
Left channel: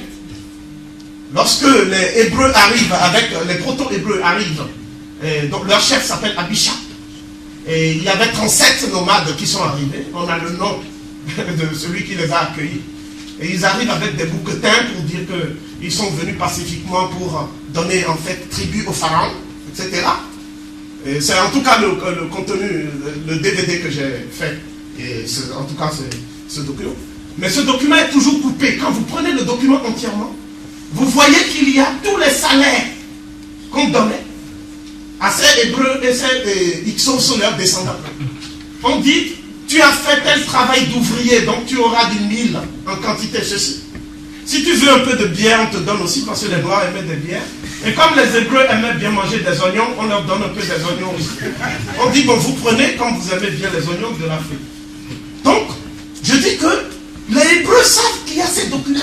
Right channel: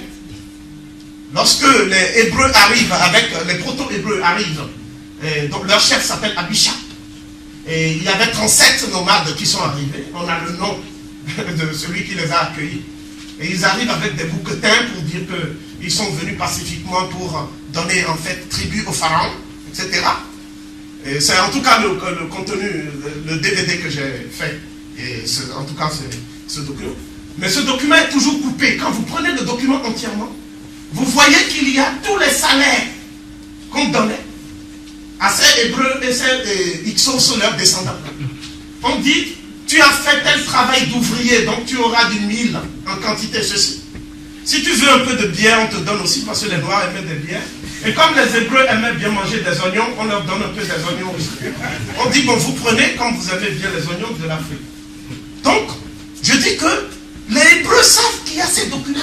lorsque les Hébreux arrivent, avec les proto-Hébreux arrivent, donc leur chef s'appelle Abisha, et il y avait 37 nomades qui sont arrivés, on a le nom de celui qui les a accueillis, et ils arrivent avec des bouquetins pour dire qu'ils sont venus pacifiquement pour donner en fait tribut au pharaon, etc. Et c'est en tout cas le contenu, le DVD que j'ai fait, et en tout cas c'est ce document. Mais ce document est toujours coupé. Quand vous prenez le document entièrement, vous voyez qu'il y a tous les salaires qu'on donnait à ces Hébreux et ces Hyksos, leurs descendants. On dit tu as fait tel travail d'ouvrier, donc tu auras du mil en quantité, ceci. Si tu veux un peu de bière, on te donne aussi, parce que les Noirs aimaient des bières. Et comme les Hébreux aimaient bien manger des oignons, on leur donne un peu des oignons aussi. On dit, bon, vous prenez comme vous aimez bien les oignons de l'Afrique. Donc, je dis que les Hébreux savent qu'il y a ces documents.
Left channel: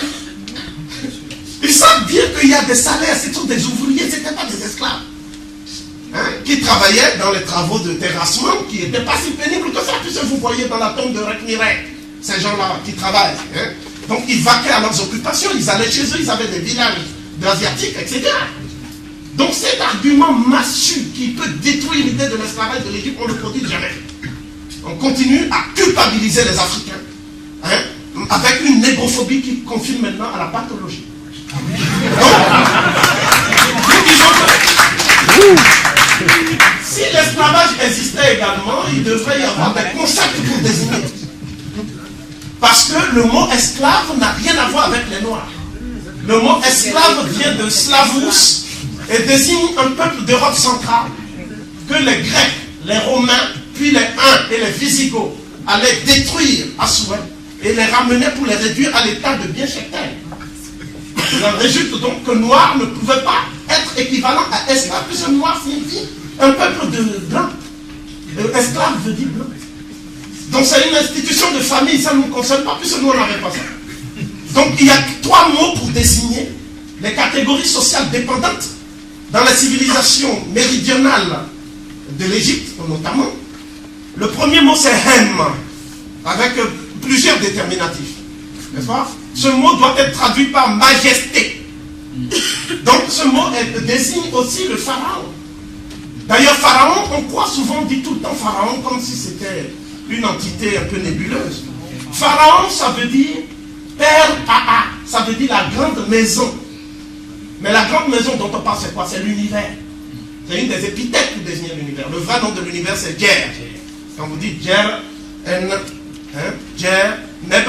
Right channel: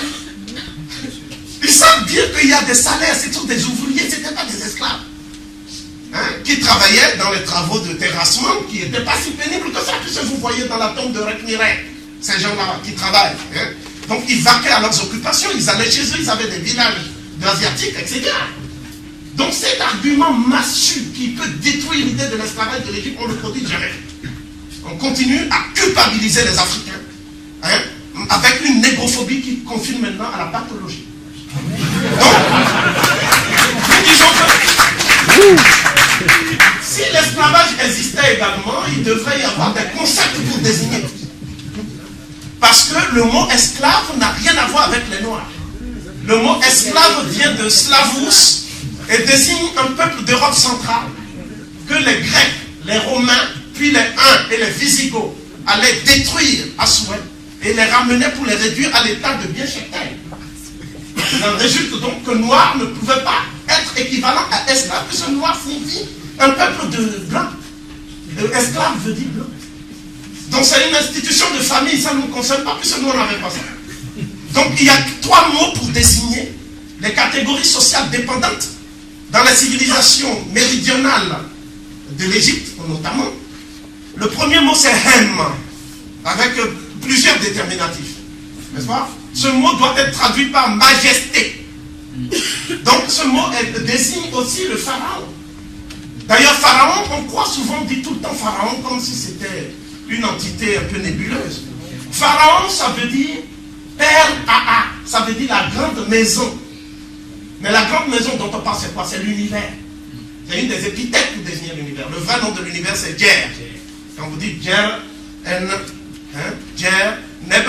Ils savent bien qu'il y a des salaires, c'est tous des ouvriers, ce n'étaient pas des esclaves. Hein, qui travaillaient dans les travaux de terrassement, qui n'étaient pas si pénibles que ça, puisque vous voyez dans la tombe de Rekmirek, ces gens-là qui travaillent. Hein. Donc ils vaquaient à leurs occupations, ils allaient chez eux, ils avaient des villages d'Asiatiques, etc. Donc cet argument massu qui peut détruire l'idée de l'esclavage de l'Égypte, on ne le produit jamais. On continue à culpabiliser les Africains, hein, avec une négrophobie qui confine maintenant à la pathologie. Donc, nous disons que si l'esclavage existait également, il devrait y avoir des concepts pour désigner. Parce que le mot esclave n'a rien à voir avec les Noirs. Le mot esclave vient de Slavus et désigne un peuple d'Europe centrale que les Grecs, les Romains, puis les Huns et les Visigoths allaient détruire à souhait et les ramener pour les réduire à l'état de biens chez terre. Il en résulte donc que noir ne pouvait pas être équivalent à esclave, puisque noir signifie un peuple de blancs. Esclave veut dire blanc. Donc c'est une institution de famille, ça ne nous concerne pas, puisque nous on n'avait pas ça. Donc il y a 3 mots pour désigner les catégories sociales dépendantes dans la civilisation méridionale de l'Égypte, notamment. Le premier mot c'est hem, avec plusieurs déterminatifs. N'est-ce pas? Ce mot doit être traduit par majesté. Donc ce mot désigne aussi le pharaon. D'ailleurs, pharaon, on croit souvent, on dit tout le temps pharaon comme si c'était une entité un peu nébuleuse. Pharaon, ça veut dire père Aa, ça veut dire la grande maison. Mais la grande maison dont on parle, c'est quoi? C'est l'univers. C'est une des épithètes pour désigner l'univers. Le vrai nom de l'univers, c'est Djer. Quand vous dites Djer, Djer, Neb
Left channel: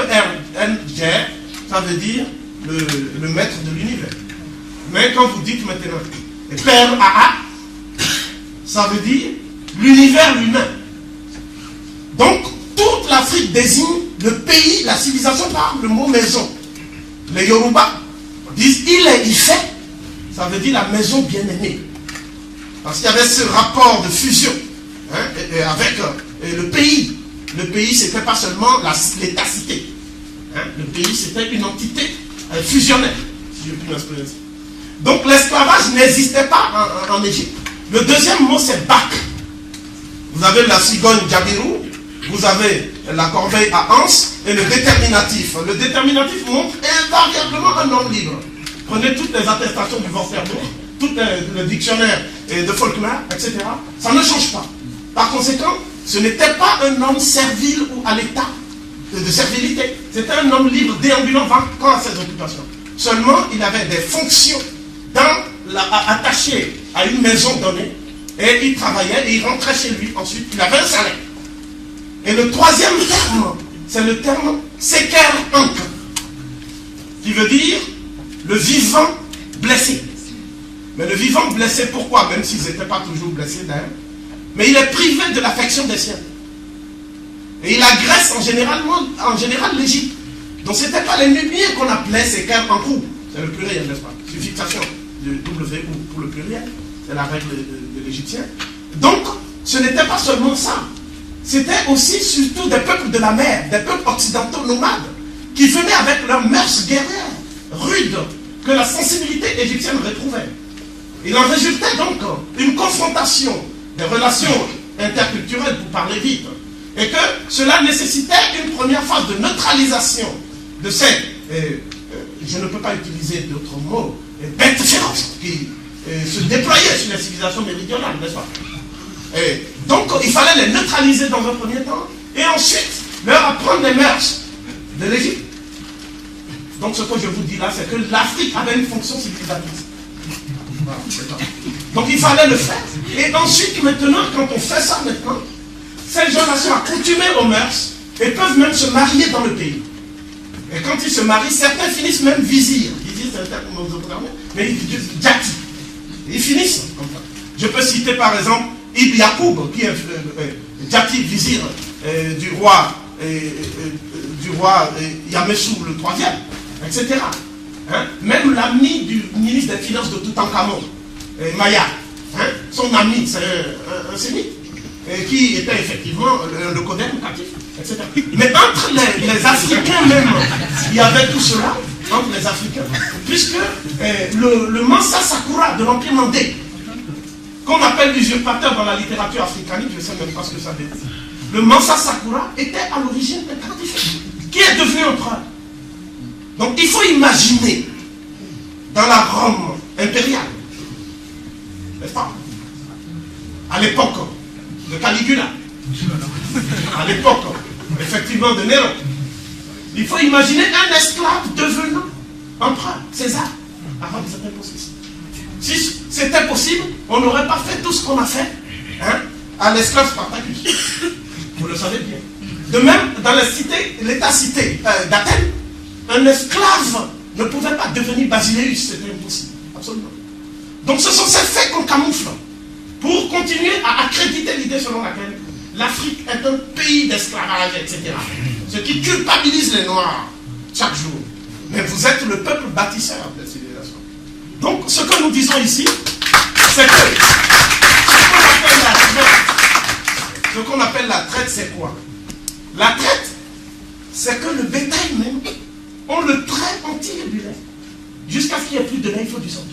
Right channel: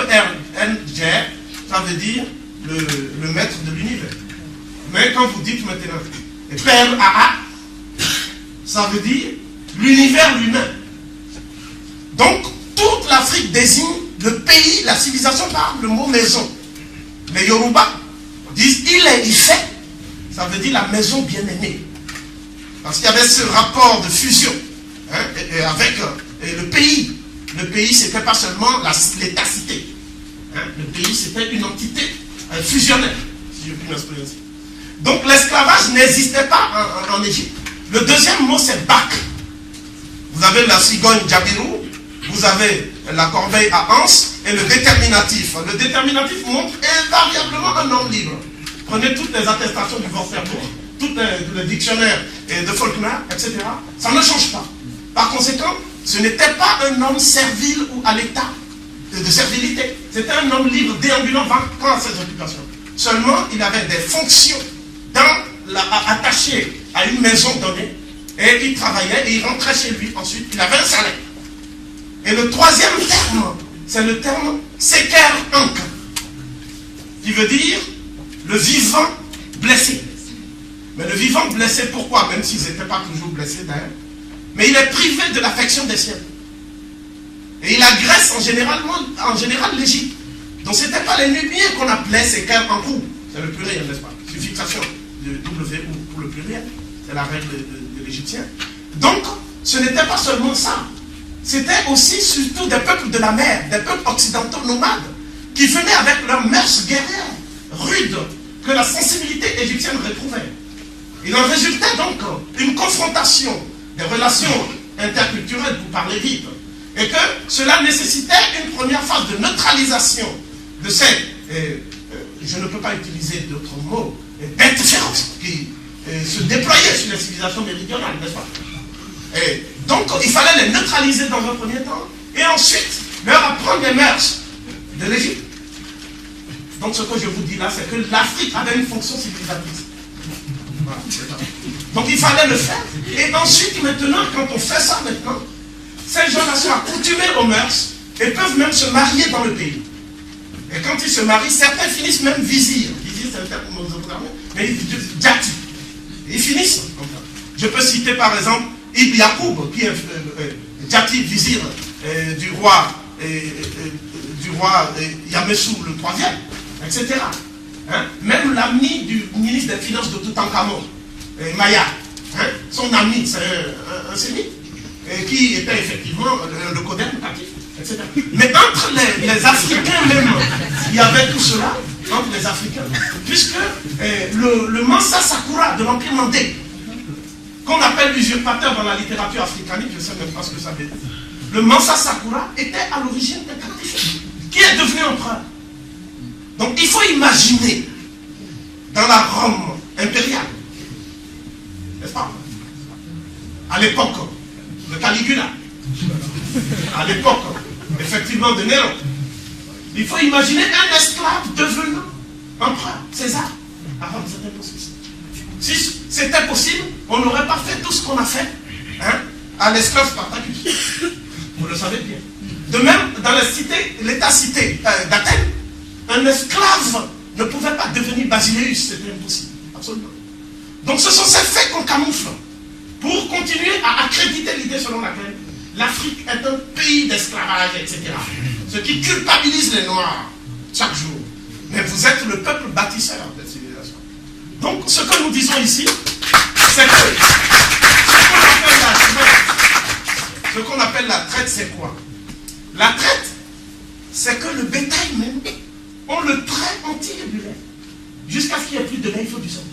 En Djer, ça veut dire le maître de l'univers. Mais quand vous dites maintenant père Aa, ça veut dire l'univers lui-même. Donc, toute l'Afrique désigne le pays, la civilisation par le mot maison. Les Yoruba disent il est Ifé, ça veut dire la maison bien-aimée. Parce qu'il y avait ce rapport de fusion hein, avec le pays. Le pays, c'était pas seulement l'état-cité. Hein, le pays, c'était une entité fusionnelle, si je puis m'exprimer ainsi. Donc, l'esclavage n'existait pas en Égypte. Le deuxième mot, c'est Bak. Vous avez la cigogne Djabirou, vous avez la corbeille à Anse et le déterminatif. Le déterminatif montre invariablement un homme libre. Prenez toutes les attestations du Vorsterbourg, tout le dictionnaire de Faulkner, etc. Ça ne change pas. Par conséquent, ce n'était pas un homme servile ou à l'état de servilité. C'était un homme libre, déambulant, vacant à ses occupations. Seulement, il avait des fonctions attachées à une maison donnée, et il travaillait et il rentrait chez lui. Ensuite, il avait un salaire. Et le troisième terme, c'est le terme Seker Ank, qui veut dire le vivant blessé. Mais le vivant blessé, pourquoi? Même s'ils n'étaient pas toujours blessés d'ailleurs. Mais il est privé de l'affection des siens. Et il agresse en général l'Égypte. Donc ce n'était pas les Nubiens qu'on appelait Seker Ankou. C'est le pluriel, n'est-ce pas? C'est une fixation de W pour le pluriel. C'est la règle de l'Égyptien. Donc, ce n'était pas seulement ça. C'était aussi surtout des peuples de la mer, des peuples occidentaux nomades, qui venaient avec leurs mœurs guerrières, rudes, que la sensibilité égyptienne réprouvait. Il en résultait donc une confrontation des relations interculturelles, pour parler vite, et que cela nécessitait une première phase de neutralisation de ces, je ne peux pas utiliser d'autres mots, bêtes féroces qui se déployaient sur la civilisation méridionale, n'est-ce pas? Et donc il fallait les neutraliser dans un premier temps, et ensuite leur apprendre les mœurs de l'Égypte. Donc ce que je vous dis là, c'est que l'Afrique avait une fonction civilisatrice. Voilà, donc il fallait le faire. Et ensuite, maintenant, quand on fait ça maintenant, ces gens-là sont accoutumés aux mœurs et peuvent même se marier dans le pays. Et quand ils se marient, certains finissent même vizirs. Vizir, c'est un terme qu'on nous a, mais ils disent djati. Ils finissent comme ça. Je peux citer par exemple Ibn Yacoub, qui est djati vizir du roi Yamessou le troisième, etc. Hein? Même l'ami du ministre des Finances de Toutankhamon, Maya, hein? Son ami, c'est un sémite, qui était effectivement le Codem natif, etc. Mais entre les Africains même, il y avait tout cela, entre les Africains, puisque le Mansa Sakura de l'Empire mandé, qu'on appelle l'usurpateur dans la littérature africanique, je ne sais même pas ce que ça veut dire, le Mansa Sakura était à l'origine un Carthaginois, qui est devenu empereur. Donc il faut imaginer, dans la Rome impériale, n'est-ce pas, à l'époque de Caligula, à l'époque, effectivement, de Néron, il faut imaginer un esclave devenant empereur, César. À Rome, c'était possible. Si c'était possible, on n'aurait pas fait tout ce qu'on a fait, hein, à l'esclave Spartacus. Vous le savez bien. De même, dans l'État-cité d'Athènes, un esclave ne pouvait pas devenir basileus, c'était impossible, absolument. Donc ce sont ces faits qu'on camoufle pour continuer à accréditer l'idée selon laquelle l'Afrique est un pays d'esclavage, etc. Ce qui culpabilise les Noirs chaque jour. Mais vous êtes le peuple bâtisseur de civilisation. Donc ce que nous disons ici, c'est que ce qu'on appelle la traite, c'est quoi? La traite, c'est que le bétail même, on le traite, on tire du lait. Jusqu'à ce qu'il n'y ait plus de lait, il faut du sang.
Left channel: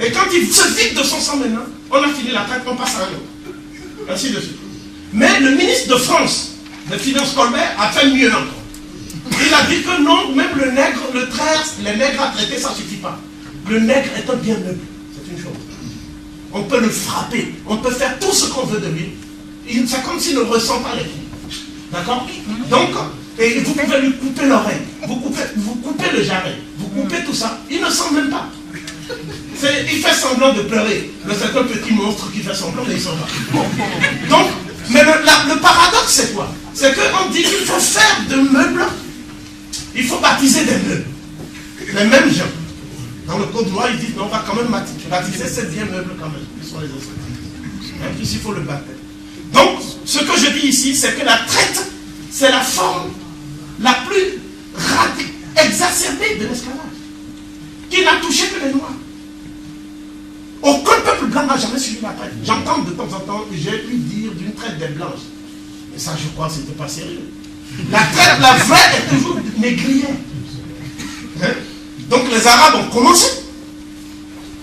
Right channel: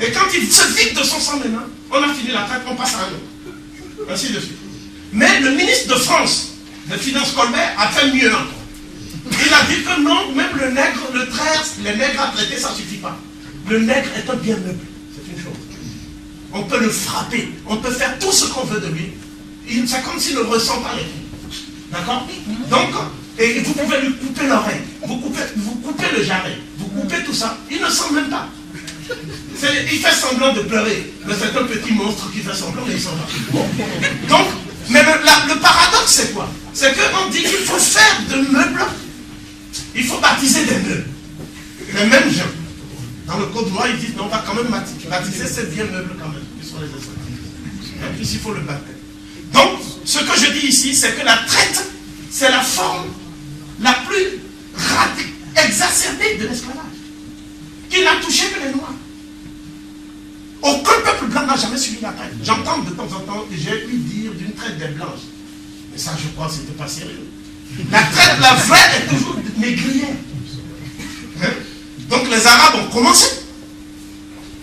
Et quand il se vide de son sang maintenant, on a fini la traite, on passe à un autre. Ainsi de suite. Mais le ministre de France, de Finances Colbert, a fait mieux encore. Il a dit que non, même le nègre, les nègres à traiter, ça ne suffit pas. Le nègre est un bien meuble, c'est une chose. On peut le frapper, on peut faire tout ce qu'on veut de lui. C'est comme s'il ne ressent pas les coups. D'accord? Donc, et vous pouvez lui couper l'oreille, vous coupez le jarret, vous coupez tout ça, il ne sent même pas. Il fait semblant de pleurer. C'est un petit monstre qui fait semblant, mais il s'en va. Donc, mais le paradoxe, c'est quoi? C'est qu'on dit qu'il faut faire de meubles, il faut baptiser des meubles. Les mêmes gens. Dans le code noir, ils disent, non, on va quand même baptiser ces vieux meubles quand même, qui sont les esclaves. Et puis, il faut le baptême. Donc, ce que je dis ici, c'est que la traite, c'est la forme la plus exacerbée de l'esclavage, qui n'a touché que les Noirs. Aucun peuple blanc n'a jamais suivi la traite. J'entends de temps en temps que j'ai pu dire d'une traite des Blanches. Mais ça, je crois que c'était pas sérieux. La traite, la vraie, est toujours négrière. Hein? Donc les Arabes ont commencé.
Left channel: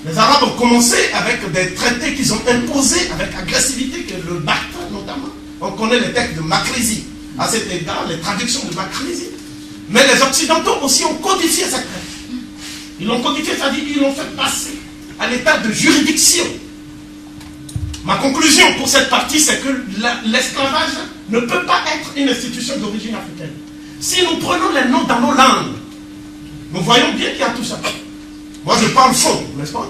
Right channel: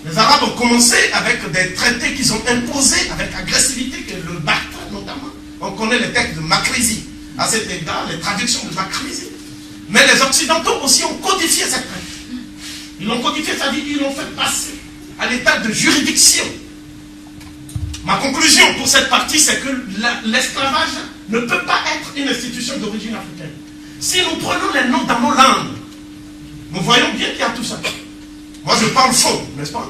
Les Arabes ont commencé avec des traités qu'ils ont imposés avec agressivité, que le Barthes notamment. On connaît les textes de Makrizi. À cet égard, les traductions de Makrizi. Mais les Occidentaux aussi ont codifié cette traite. Ils l'ont codifié, c'est-à-dire qu'ils l'ont fait passer à l'état de juridiction. Ma conclusion pour cette partie, c'est que l'esclavage ne peut pas être une institution d'origine africaine. Si nous prenons les noms dans nos langues, nous voyons bien qu'il y a tout ça. Moi, je parle fond, n'est-ce pas?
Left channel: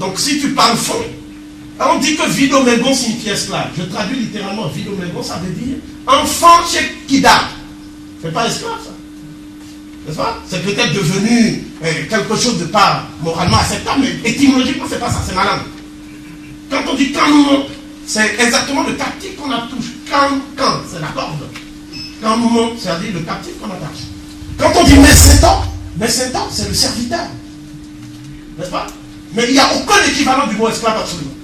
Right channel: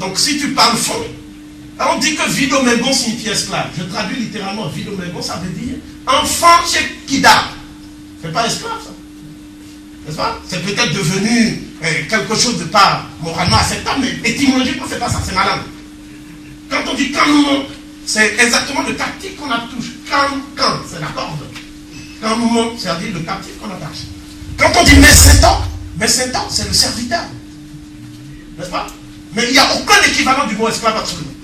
Donc, si tu parles fond, on dit que Vidomengo signifie esclave. Je traduis littéralement Vidomengo, ça veut dire enfant chez Kida. C'est pas esclave, ça. N'est-ce pas? C'est peut-être devenu quelque chose de pas moralement acceptable, mais étymologiquement, c'est pas ça, c'est ma langue. Quand on dit quand, c'est exactement le captif qu'on attache. Quand, c'est la corde. Quand, c'est-à-dire le captif qu'on attache. Quand on dit messétan, c'est le serviteur. N'est-ce pas? Mais il n'y a aucun équivalent du mot esclave absolument.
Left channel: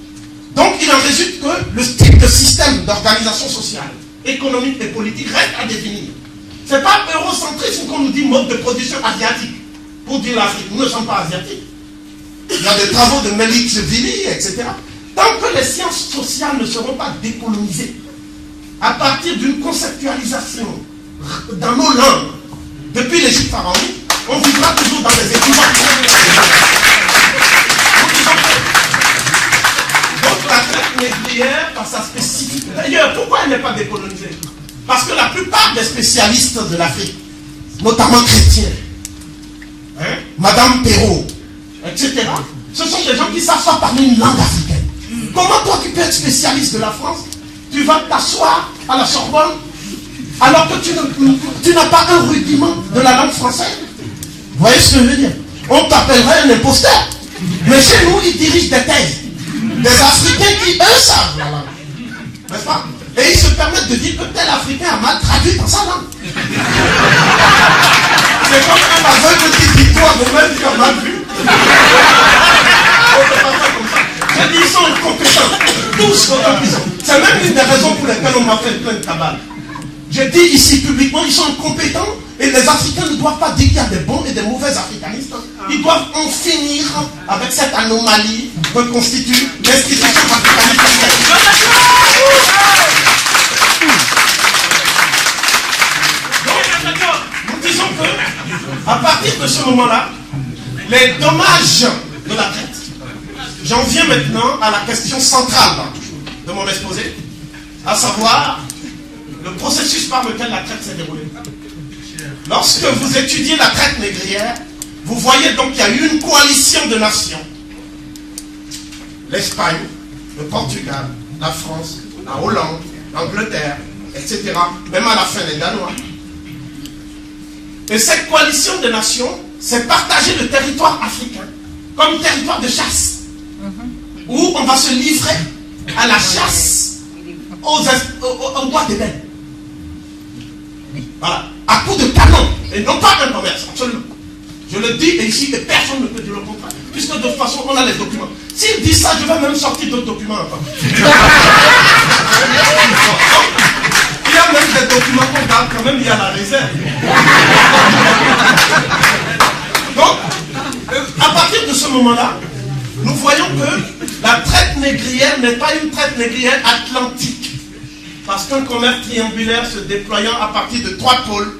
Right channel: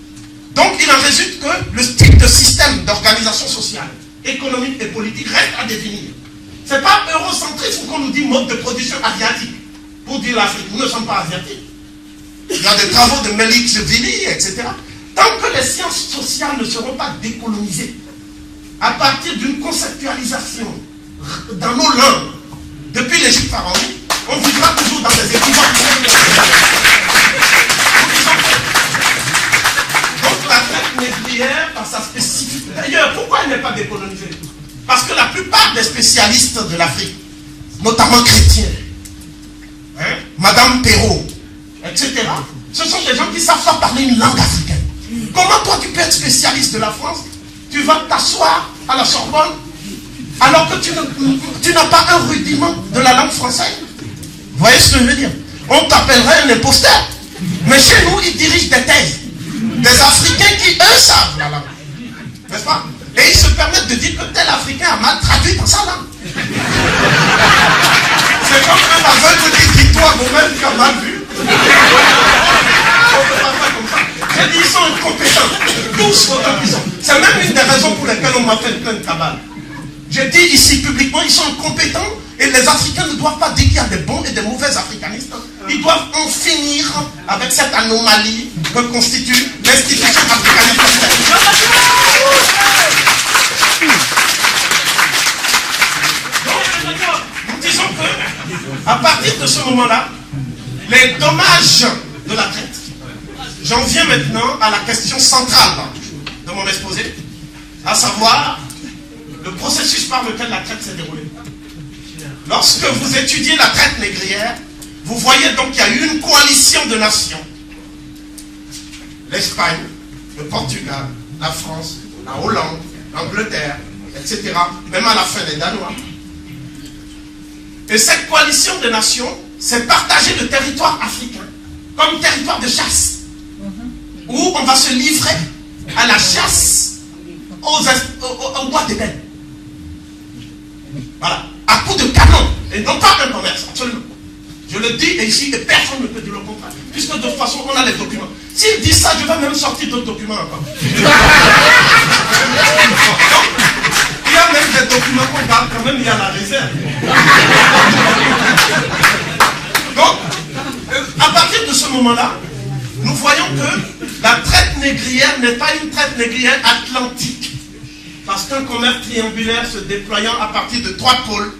Donc il en résulte que le type de système d'organisation sociale, économique et politique reste à définir. Ce n'est pas eurocentrisme qu'on nous dit mode de production asiatique. Pour dire l'Afrique, nous ne sommes pas asiatiques. Il y a des travaux de Melik-Vili, etc. Tant que les sciences sociales ne seront pas décolonisées, à partir d'une conceptualisation dans nos langues, depuis l'Égypte pharaonique, on vivra toujours dans des équivoques. Donc la traite négrière, par sa spécificité. D'ailleurs, pourquoi elle n'est pas décolonisée? Parce que la plupart des spécialistes de l'Afrique, notamment chrétiens, hein, Madame Perrault, etc., ce sont des gens qui savent pas parler une langue africaine. Comment toi tu peux être spécialiste de la France? Tu vas t'asseoir à la Sorbonne alors que tu n'as pas un rudiment de la langue française. Vous voyez ce que je veux dire? On t'appellerait un imposteur. Mais chez nous, ils dirigent des thèses. Des Africains qui, eux, savent la langue. N'est-ce pas? Et ils se permettent de dire que tel Africain a mal traduit dans sa langue. C'est comme un aveugle qui dit toi vous-même tu as mal vu. On ne peut pas faire comme ça. J'ai dit ils sont incompétents. Tous autant qu'ils sont. C'est même une des raisons pour lesquelles on m'a fait plein de cabales. J'ai dit ici publiquement, ils sont incompétents et les Africains ne doivent pas dire qu'il y a des bons et des mauvais africanistes. Ils doivent en finir avec cette anomalie que constitue l'institution africaniste. Nous disons que, à partir de ce moment-là, les dommages de la traite. J'en viens maintenant à la question centrale de mon exposé, à savoir le processus par lequel la traite s'est déroulée. Lorsque vous étudiez la traite négrière, vous voyez donc qu'il y a eu une coalition de nations. L'Espagne, le Portugal, la France, la Hollande, l'Angleterre, etc. Même à la fin les Danois. Et cette coalition de nations s'est partagée le territoire africain comme territoire de chasse, où on va se livrer à la chasse aux bois d'ébène. Voilà, à coups de canon, et non pas un commerce, absolument. Je le dis et ici, et personne ne peut dire le contraire, puisque de toute façon, on a les documents. S'il dit ça, je vais même sortir d'autres documents encore. Donc, il y a même des documents qu'on parle quand même, il y a la réserve. Donc, à partir de ce moment-là, nous voyons que la traite négrière n'est pas une traite négrière atlantique. Parce qu'un commerce triangulaire se déployant à partir de 3 pôles,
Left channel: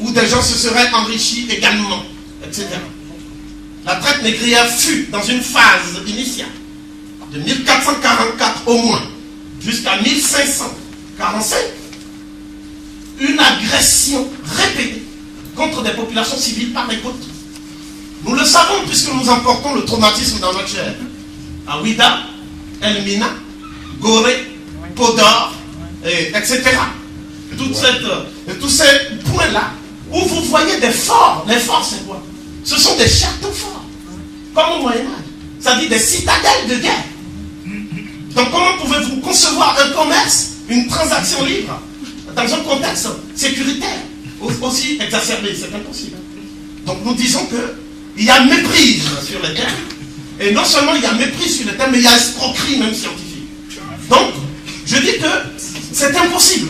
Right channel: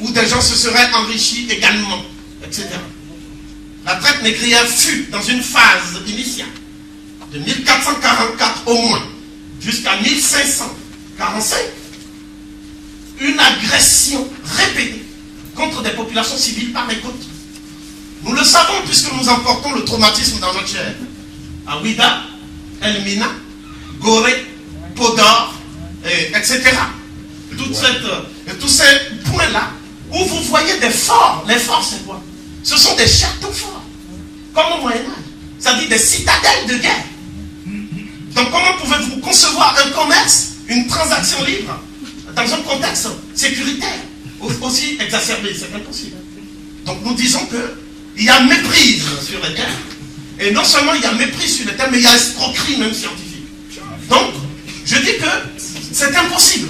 où des gens se seraient enrichis également, etc. La traite négrière fut, dans une phase initiale, de 1444 au moins, jusqu'à 1545, une agression répétée contre des populations civiles par les côtes. Nous le savons puisque nous emportons le traumatisme dans notre chair. À Ouida, Elmina, Gorée, Podor, etc. Tous ces points-là, où vous voyez des forts. Les forts, c'est quoi? Ce sont des châteaux forts, comme au Moyen-Âge. C'est-à-dire des citadelles de guerre. Donc comment pouvez-vous concevoir un commerce, une transaction libre, dans un contexte sécuritaire aussi exacerbé? C'est impossible. Donc nous disons qu'il y a méprise sur les terres. Et non seulement il y a méprise sur les terres, mais il y a escroquerie même scientifique. Donc, je dis que c'est impossible.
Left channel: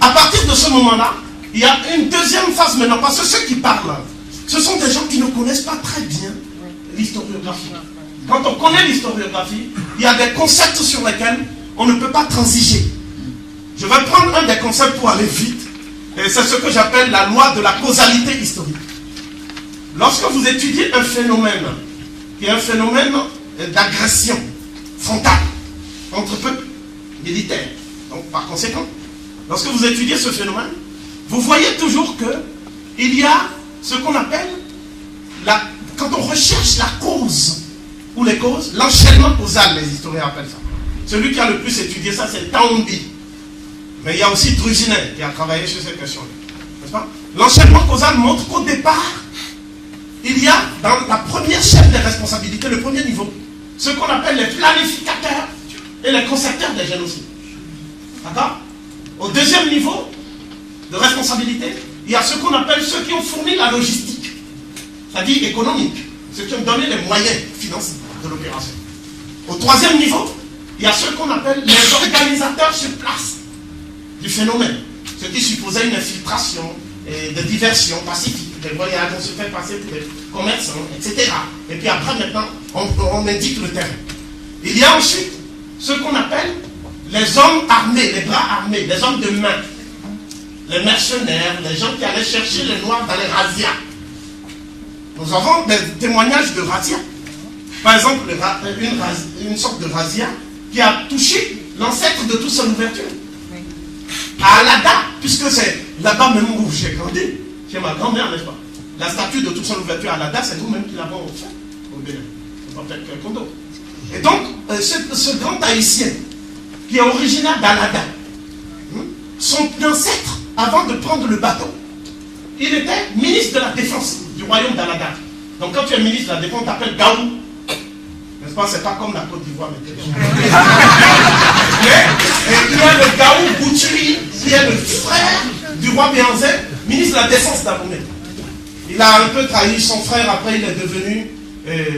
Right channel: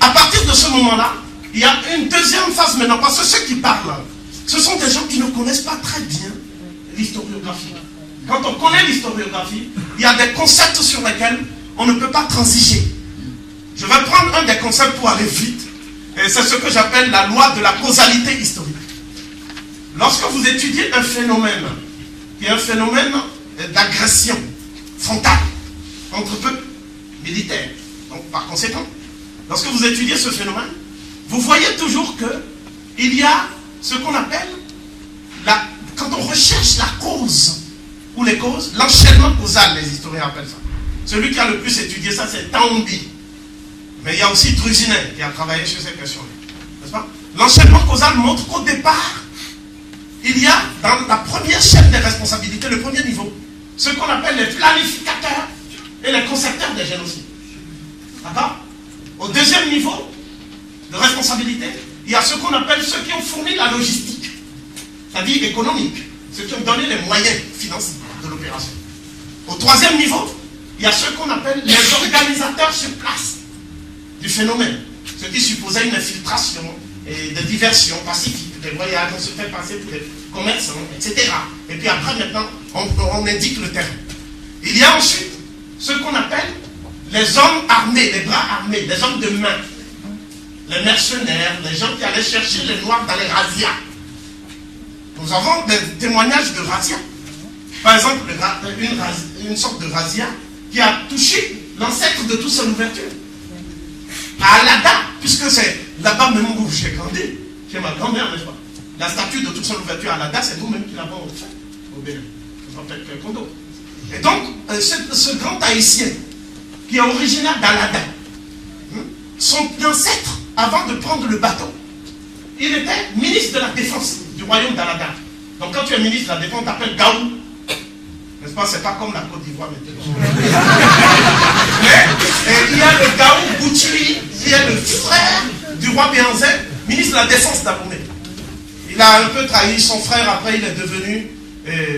À partir de ce moment-là, il y a une deuxième phase maintenant, parce que ceux qui parlent, ce sont des gens qui ne connaissent pas très bien l'historiographie. Quand on connaît l'historiographie, il y a des concepts sur lesquels on ne peut pas transiger. Je vais prendre un des concepts pour aller vite, et c'est ce que j'appelle la loi de la causalité historique. Lorsque vous étudiez un phénomène, qui est un phénomène d'agression frontale entre peuples militaires, donc par conséquent, lorsque vous étudiez ce phénomène, vous voyez toujours qu'il y a ce qu'on appelle, quand on recherche la cause, ou les causes, l'enchaînement causal, les historiens appellent ça. Celui qui a le plus étudié ça, c'est Taombi. Mais il y a aussi Drusinet qui a travaillé sur ces questions-là. N'est-ce pas? L'enchaînement causal montre qu'au départ, il y a dans la première chaîne des responsabilités, le premier niveau, ce qu'on appelle les planificateurs et les concepteurs des génocides. D'accord? Au deuxième niveau de responsabilité, il y a ce qu'on appelle ceux qui ont fourni la logistique, c'est-à-dire économique, ceux qui ont donné les moyens financiers de l'opération. Au troisième niveau, il y a ceux qu'on appelle les organisateurs sur place du phénomène, ceux qui supposaient une infiltration et de diversion pacifique, des voyages, on se fait passer pour des commerçants, etc. Et puis après, maintenant, on indique le terrain. Il y a ensuite ceux qu'on appelle les hommes armés, les bras armés, les hommes de main, les mercenaires, les gens qui allaient chercher les noirs dans les razzias. Nous avons des témoignages de razzias. Par exemple, une sorte de razzia qui a touché l'ancêtre de toute son ouverture. À Alada, puisque c'est là-bas même où j'ai grandi, chez ma grand-mère, n'est-ce pas? La statue de toute son ouverture à Alada, c'est nous-mêmes qui l'avons fait au Bénin. C'est pas peut-être quelqu'un d'autre. Et donc, ce grand haïtien, qui est originaire d'Alada, son ancêtre, avant de prendre le bateau, il était ministre de la Défense du royaume d'Alada. Donc quand tu es ministre de la Défense, on t'appelle Gaou. N'est-ce pas? C'est pas comme la Côte d'Ivoire. Mais il y a le Gaou Goutui, qui est le frère du roi Béanzé, ministre de la Défense d'Abomey. Il a un peu trahi son frère, après il est devenu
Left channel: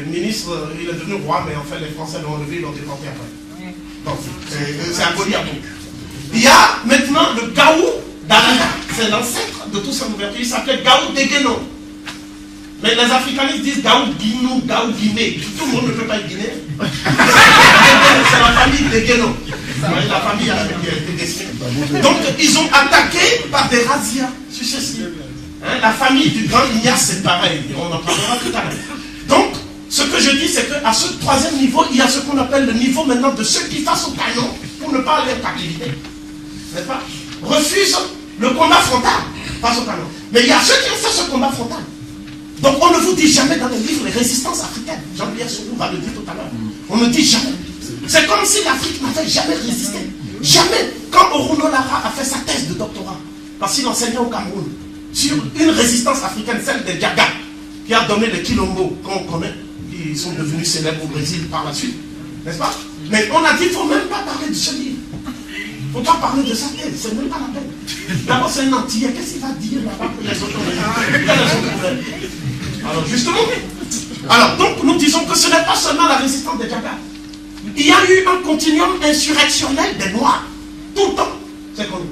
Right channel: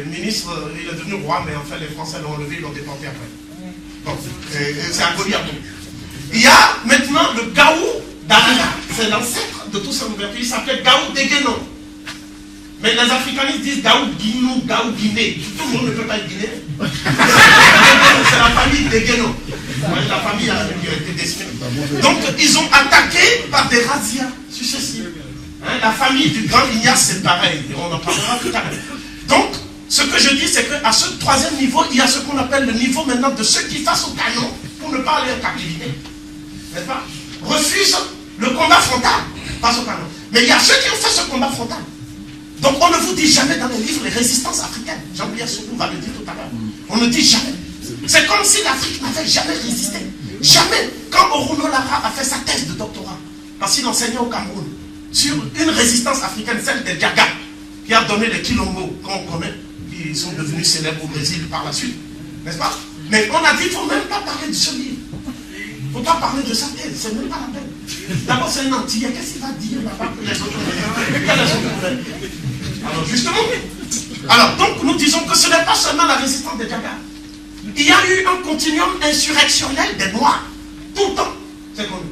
ministre, il est devenu roi, mais en fait les Français l'ont enlevé, ils l'ont déporté après. Donc, c'est aboli après. Il y a maintenant le Gaou d'Alaga, c'est l'ancêtre de tout ça ouverture, il s'appelle Gaou Déguénon. Mais les africanistes disent Gaou Guinou, Gaou Guinée. Tout le monde ne peut pas être guinéen. C'est la famille Déguénon. La famille a été détruite. Donc ils ont attaqué par des razzias successifs. La famille du grand Ignace, c'est pareil. On en parlera tout à l'heure. Donc, ce que je dis, c'est qu'à ce troisième niveau, il y a ce qu'on appelle le niveau maintenant de ceux qui face au canon pour ne pas aller en captivité. N'est-ce pas? Refusent le combat frontal face au canon. Mais il y a ceux qui ont fait ce combat frontal. Donc on ne vous dit jamais dans les livres les résistances africaines. Jean-Pierre Soulou va le dire tout à l'heure. On ne dit jamais. C'est comme si l'Afrique n'avait jamais résisté. Jamais. Quand Oruno Lara a fait sa thèse de doctorat, parce qu'il enseignait au Cameroun, sur une résistance africaine, celle des Diaga, qui a donné les Quilombo, qu'on connaît, qui sont devenus célèbres au Brésil par la suite. N'est-ce pas? Mais on a dit qu'il ne faut même pas parler de ce livre. Il ne faut pas parler de sa thèse, c'est même pas la peine. D'abord, c'est un Antillais. Qu'est-ce qu'il va dire là-bas pour les autres? Quel est son problème? Alors, justement. Alors, donc, nous disons que ce n'est pas seulement la résistance des Diaga. Il y a eu un continuum insurrectionnel des Noirs. Tout le temps. C'est connu.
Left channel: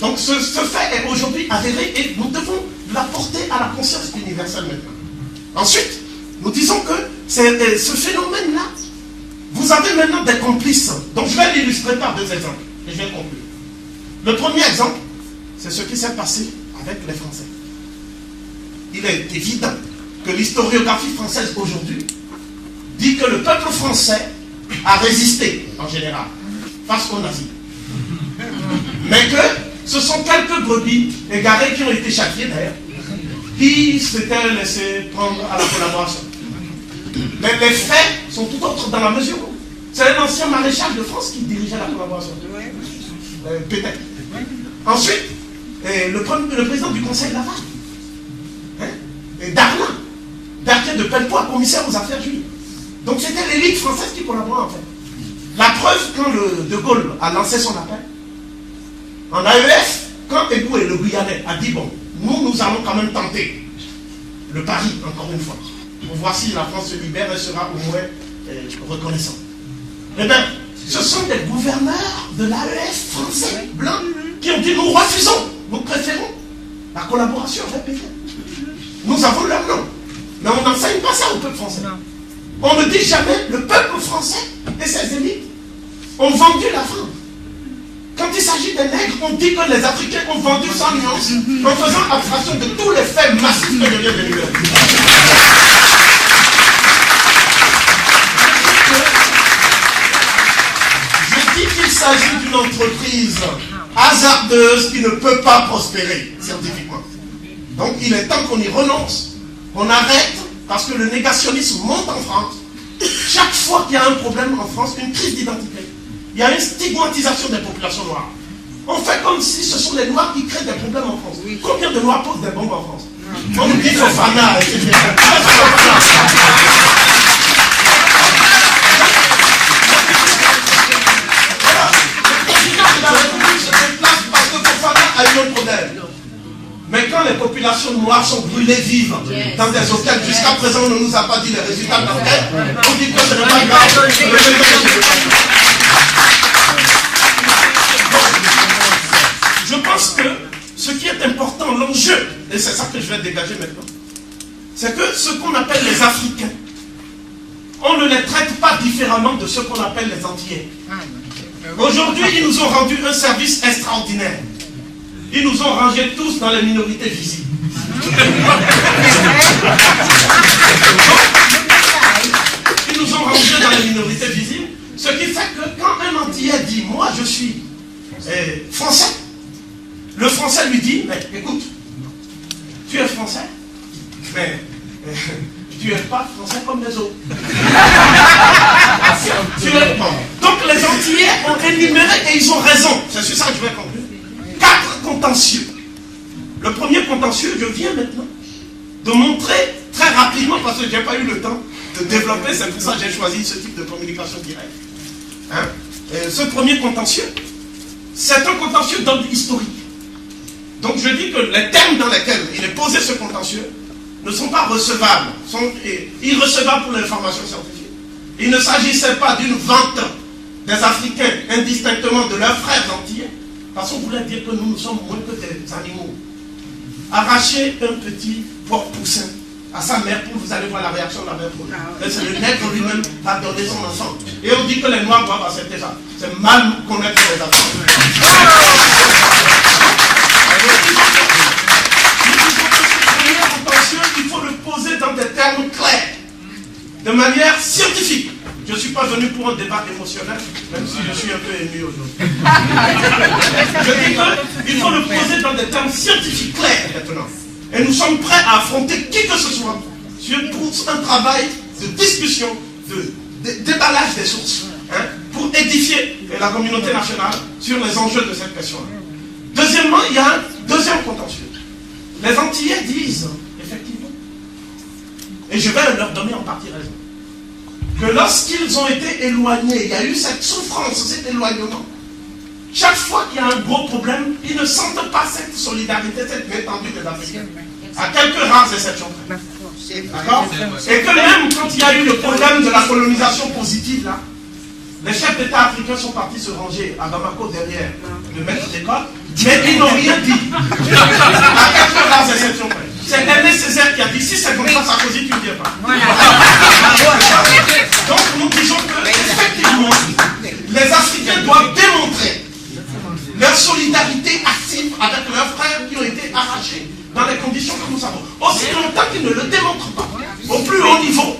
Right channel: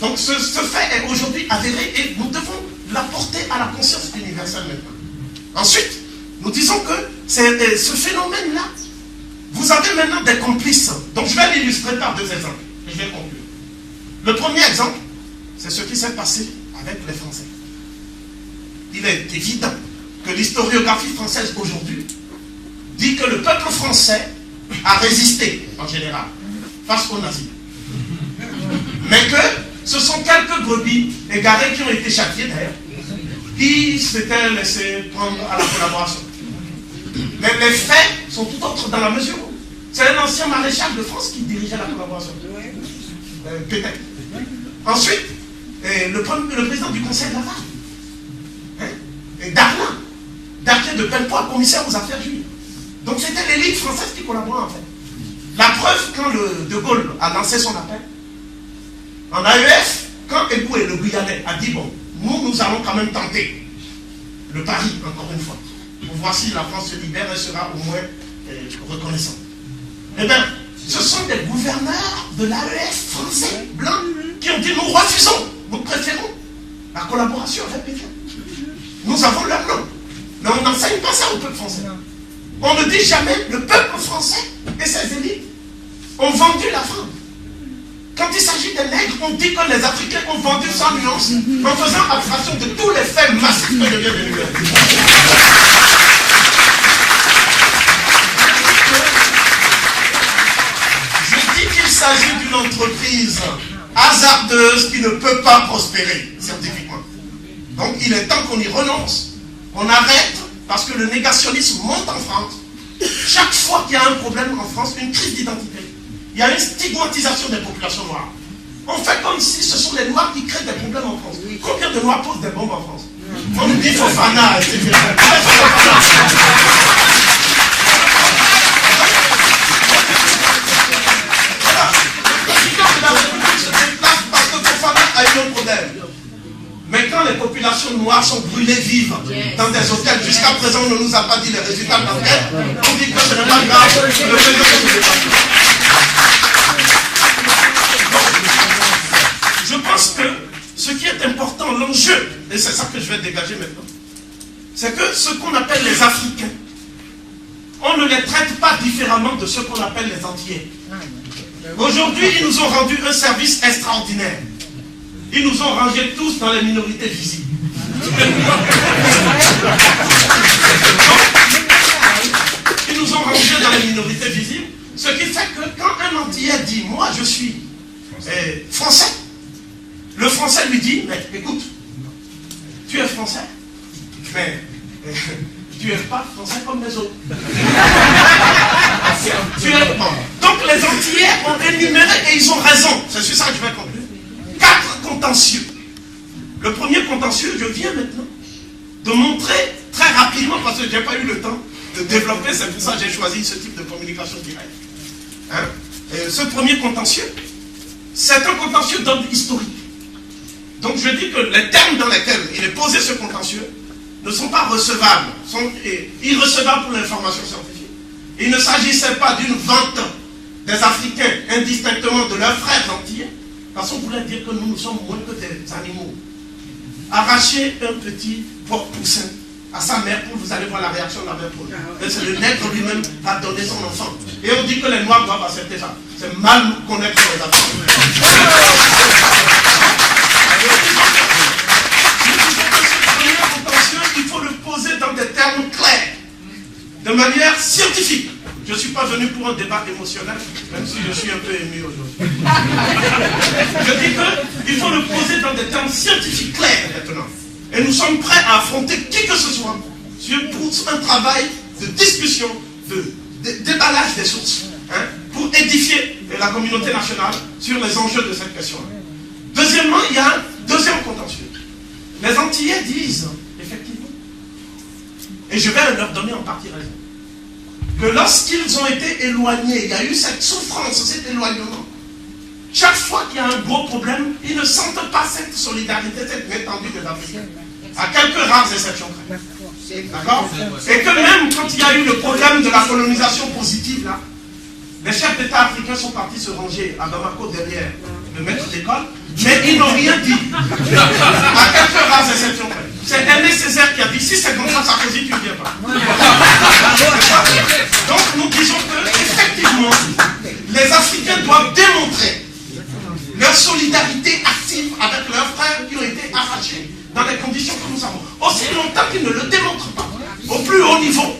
Donc, ce fait est aujourd'hui avéré et nous devons l'apporter à la conscience universelle maintenant. Ensuite, nous disons que ce phénomène-là, vous avez maintenant des complices. Donc, je vais l'illustrer par deux exemples. Et je vais conclure. Le premier exemple, c'est ce qui s'est passé avec les Français. Il est évident que l'historiographie française aujourd'hui dit que le peuple français a résisté, en général, face aux nazis. Mais que ce sont quelques brebis égarés qui ont été châtiés d'ailleurs, qui s'étaient laissés prendre à la collaboration. Mais les faits sont tout autres dans la mesure où c'est un ancien maréchal de France qui dirigeait la collaboration. Peut-être. Ensuite, le président du Conseil de Laval, et Darlan, Darquet de Pellepoix, commissaire aux affaires juives. Donc c'était l'élite française qui collaborait en fait. La preuve, quand le De Gaulle a lancé son appel, en AEF, quand Eboué, le Guyanais, a dit bon, nous allons quand même tenter le pari, encore une fois, pour voir si la France se libère et sera au moins reconnaissante. Eh bien, ce sont des gouverneurs de l'AEF français, blancs, qui ont dit nous refusons, nous préférons la collaboration avec Pétain. Nous avons leur nom, mais on n'enseigne pas ça au peuple français. On ne dit jamais le peuple français et ses élites ont vendu la France. Quand il s'agit des nègres, on dit que les Africains ont vendu sans nuance en faisant abstraction de tous les faits massifs que je viens de lui dire. Je dis qu'il s'agit d'une entreprise hasardeuse qui ne peut pas prospérer scientifiquement. Donc il est temps qu'on y renonce, qu'on arrête, parce que le négationnisme monte en France. Chaque fois qu'il y a un problème en France, une crise d'identité, il y a une stigmatisation des populations noires. On fait comme si ce sont les Noirs qui créent des problèmes en France. Combien de Noirs posent des bombes en France? On nous dit Fofana, etc. Voilà. Le président de la République se déplace parce que Fofana a eu un problème. Mais quand les populations noires sont brûlées vives dans des hôtels, jusqu'à présent on ne nous a pas dit les résultats de l'enquête, on dit que ce n'est pas grave, le président ne se déplace pas. Je pense que ce qui est important, l'enjeu, et c'est ça que je vais dégager maintenant, c'est que ce qu'on appelle les Africains, on ne les traite pas différemment de ce qu'on appelle les Antillais. Aujourd'hui, ils nous ont rendu un service extraordinaire. Ils nous ont rangés tous dans les minorités visibles. Ils nous ont rangés dans les minorités visibles, ce qui fait que quand un Antillais dit « moi je suis français », le français lui dit, mais écoute, tu es français, mais tu n'es pas français comme les autres. Donc les Antillais ont énuméré, et ils ont raison, c'est sur ça que je vais conclure, 4 contentieux. Le premier contentieux, je viens maintenant de montrer très rapidement, parce que je n'ai pas eu le temps de développer, c'est pour ça que j'ai choisi ce type de communication directe. Ce premier contentieux, c'est un contentieux d'ordre historique. Donc je dis que les termes dans lesquels il est posé ce contentieux ne sont pas recevables, sont irrecevables pour l'information scientifique. Il ne s'agissait pas d'une vente des Africains indistinctement de leurs frères antillais, parce qu'on voulait dire que nous sommes moins que des animaux. Arracher un petit porc-poussin à sa mère poule, vous allez voir la réaction de la mère poule. C'est le nègre lui-même qui va donner son enfant. Et on dit que les Noirs doivent accepter ça. C'est mal connaître les Africains. Il faut le poser dans des termes clairs, de manière scientifique. Je ne suis pas venu pour un débat émotionnel, même si je suis un peu ému aujourd'hui. Je dis qu'il faut le poser dans des termes scientifiques clairs maintenant. Et nous sommes prêts à affronter qui que ce soit pour un travail de discussion, de déballage des sources, hein, pour édifier la communauté nationale sur les enjeux de cette question-là. Deuxièmement, il y a un deuxième contentieux. Les Antillais disent, effectivement, et je vais leur donner en partie raison, que lorsqu'ils ont été éloignés, il y a eu cette souffrance, cet éloignement. Chaque fois qu'il y a un gros problème, ils ne sentent pas cette solidarité, cette étendue des Africains. À quelques rares exceptions près. D'accord? Et que même quand il y a eu le problème de la colonisation positive, là, les chefs d'État africains sont partis se ranger à Bamako derrière le maître d'école, mais ils n'ont rien dit. À quelques rares exceptions près. C'est Aimé Césaire qui a dit, si c'est comme ça, Sarkozy, tu ne viens pas. Donc nous disons que, effectivement, les Africains doivent démontrer leur solidarité active avec leurs frères qui ont été arrachés dans les conditions que nous savons. Aussi longtemps qu'ils ne le démontrent pas, au plus haut niveau,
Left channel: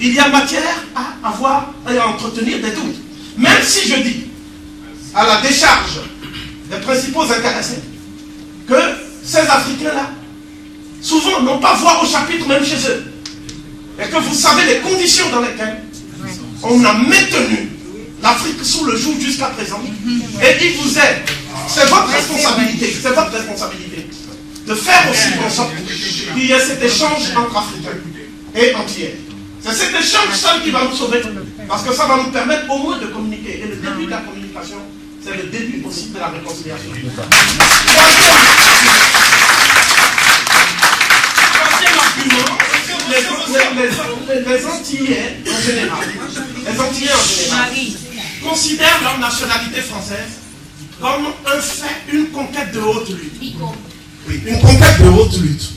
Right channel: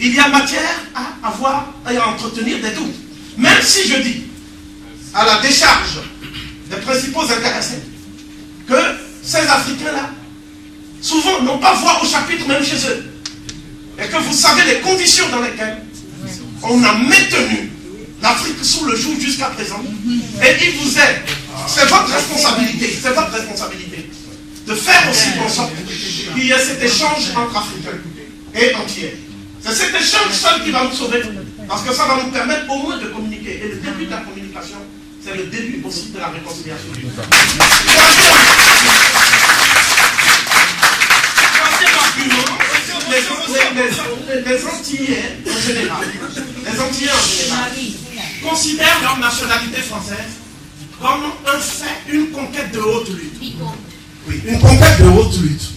il y a matière à avoir et à entretenir des doutes. Même si je dis, à la décharge des principaux intéressés, que ces Africains-là, souvent n'ont pas voix au chapitre même chez eux. Et que vous savez les conditions dans lesquelles on a maintenu l'Afrique sous le joug jusqu'à présent. Et il vous est, c'est votre responsabilité, de faire aussi en sorte qu'il y ait cet échange entre Africains et Antillais. C'est cet échange seul qui va nous sauver, parce que ça va nous permettre au moins de communiquer. Et le début de la communication, c'est le début aussi de la réconciliation. Troisième argument, les Antillais en général, considèrent leur nationalité française comme un fait, une conquête de haute lutte. Oui, une conquête de haute lutte.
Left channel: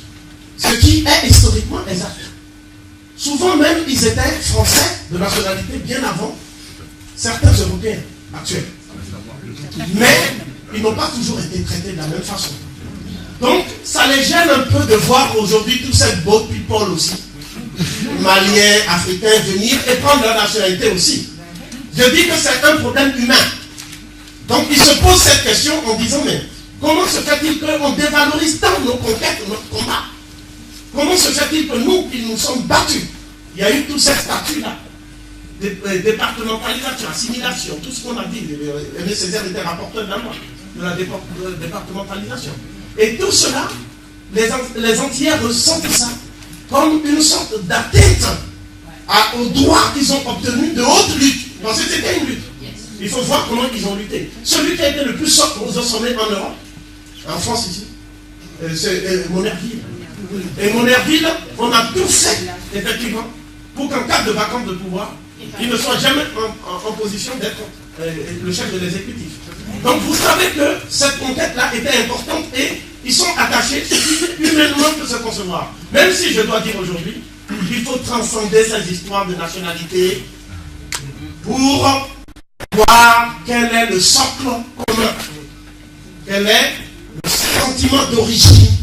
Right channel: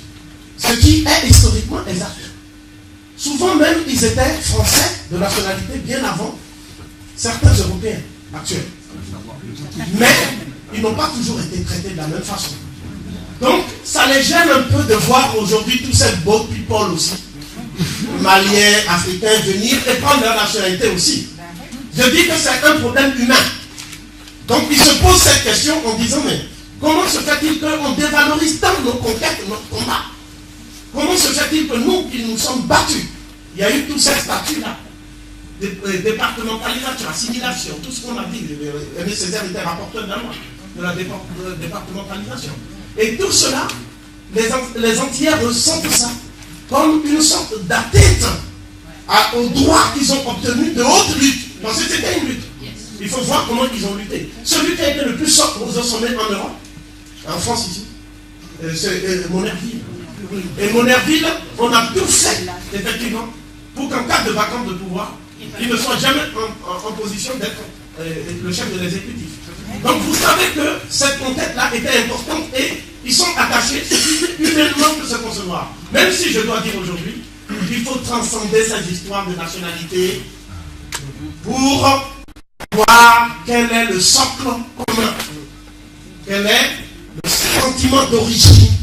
Ce qui est historiquement exact. Souvent même, ils étaient français de nationalité bien avant certains Européens actuels. Mais ils n'ont pas toujours été traités de la même façon. Donc, ça les gêne un peu de voir aujourd'hui tous ces beaux people aussi, Maliens, Africains, venir et prendre leur nationalité aussi. Je dis que c'est un problème humain. Donc, ils se posent cette question en disant, mais comment se fait-il qu'on dévalorise tant nos conquêtes, notre combat? Comment se fait-il que nous, qui nous sommes battus, il y a eu tous ces statuts-là, départementalisation, assimilation, tout ce qu'on a dit, Aimé Césaire était rapporteur d'un mois de la départementalisation. Et tout cela, les Antillais ressentent ça comme une sorte d'atteinte aux droits qu'ils ont obtenus de haute lutte. Parce que c'était une lutte. Il faut voir comment ils ont lutté. Celui qui a été le plus sommet en Europe, en France ici, c'est Monnerville. Et Monnerville, on a tout fait, effectivement, pour qu'en cas de vacance de pouvoir, il ne soit jamais en position d'être le chef de l'exécutif. Donc vous savez que cette conquête-là était importante et ils sont attachés humainement pour se concevoir. Même si je dois dire aujourd'hui, il faut transcender ces histoires de nationalité pour voir quel est le socle commun, quel est le sentiment d'origine,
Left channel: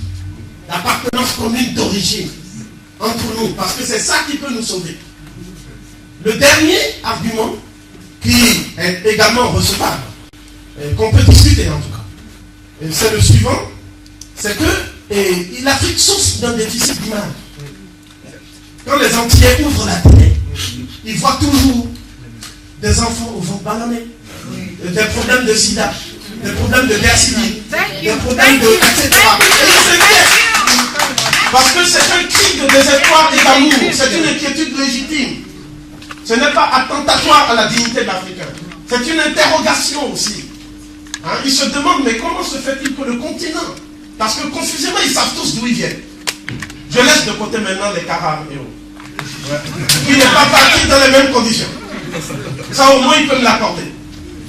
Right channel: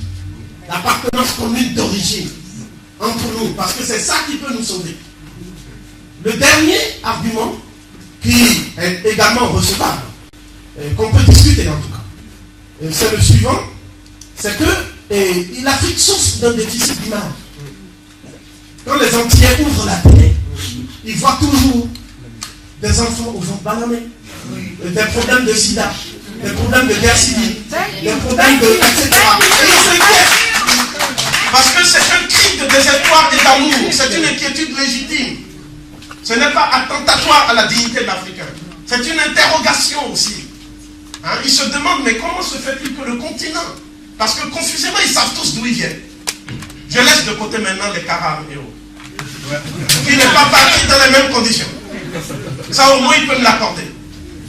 l'appartenance commune d'origine entre nous, parce que c'est ça qui peut nous sauver. Le dernier argument, qui est également recevable, qu'on peut discuter en tout cas, c'est le suivant, c'est que l'Afrique souffre d'un déficit d'image. Quand les Antillais ouvrent la télé, ils voient toujours des enfants au fond bananés, des problèmes de sida, des problèmes de guerre civile, des problèmes de etc. Et ils s'inquiètent. Parce que c'est un cri de désespoir et d'amour, c'est une inquiétude légitime. Ce n'est pas attentatoire à la dignité de l'Africain. C'est une interrogation aussi. Hein, ils se demandent, mais comment se fait-il que le continent, parce que confusément, ils savent tous d'où ils viennent. Je laisse de côté maintenant les Karam et autres, qui n'est pas parti dans les mêmes conditions. Ça, au moins, il peut me l'accorder.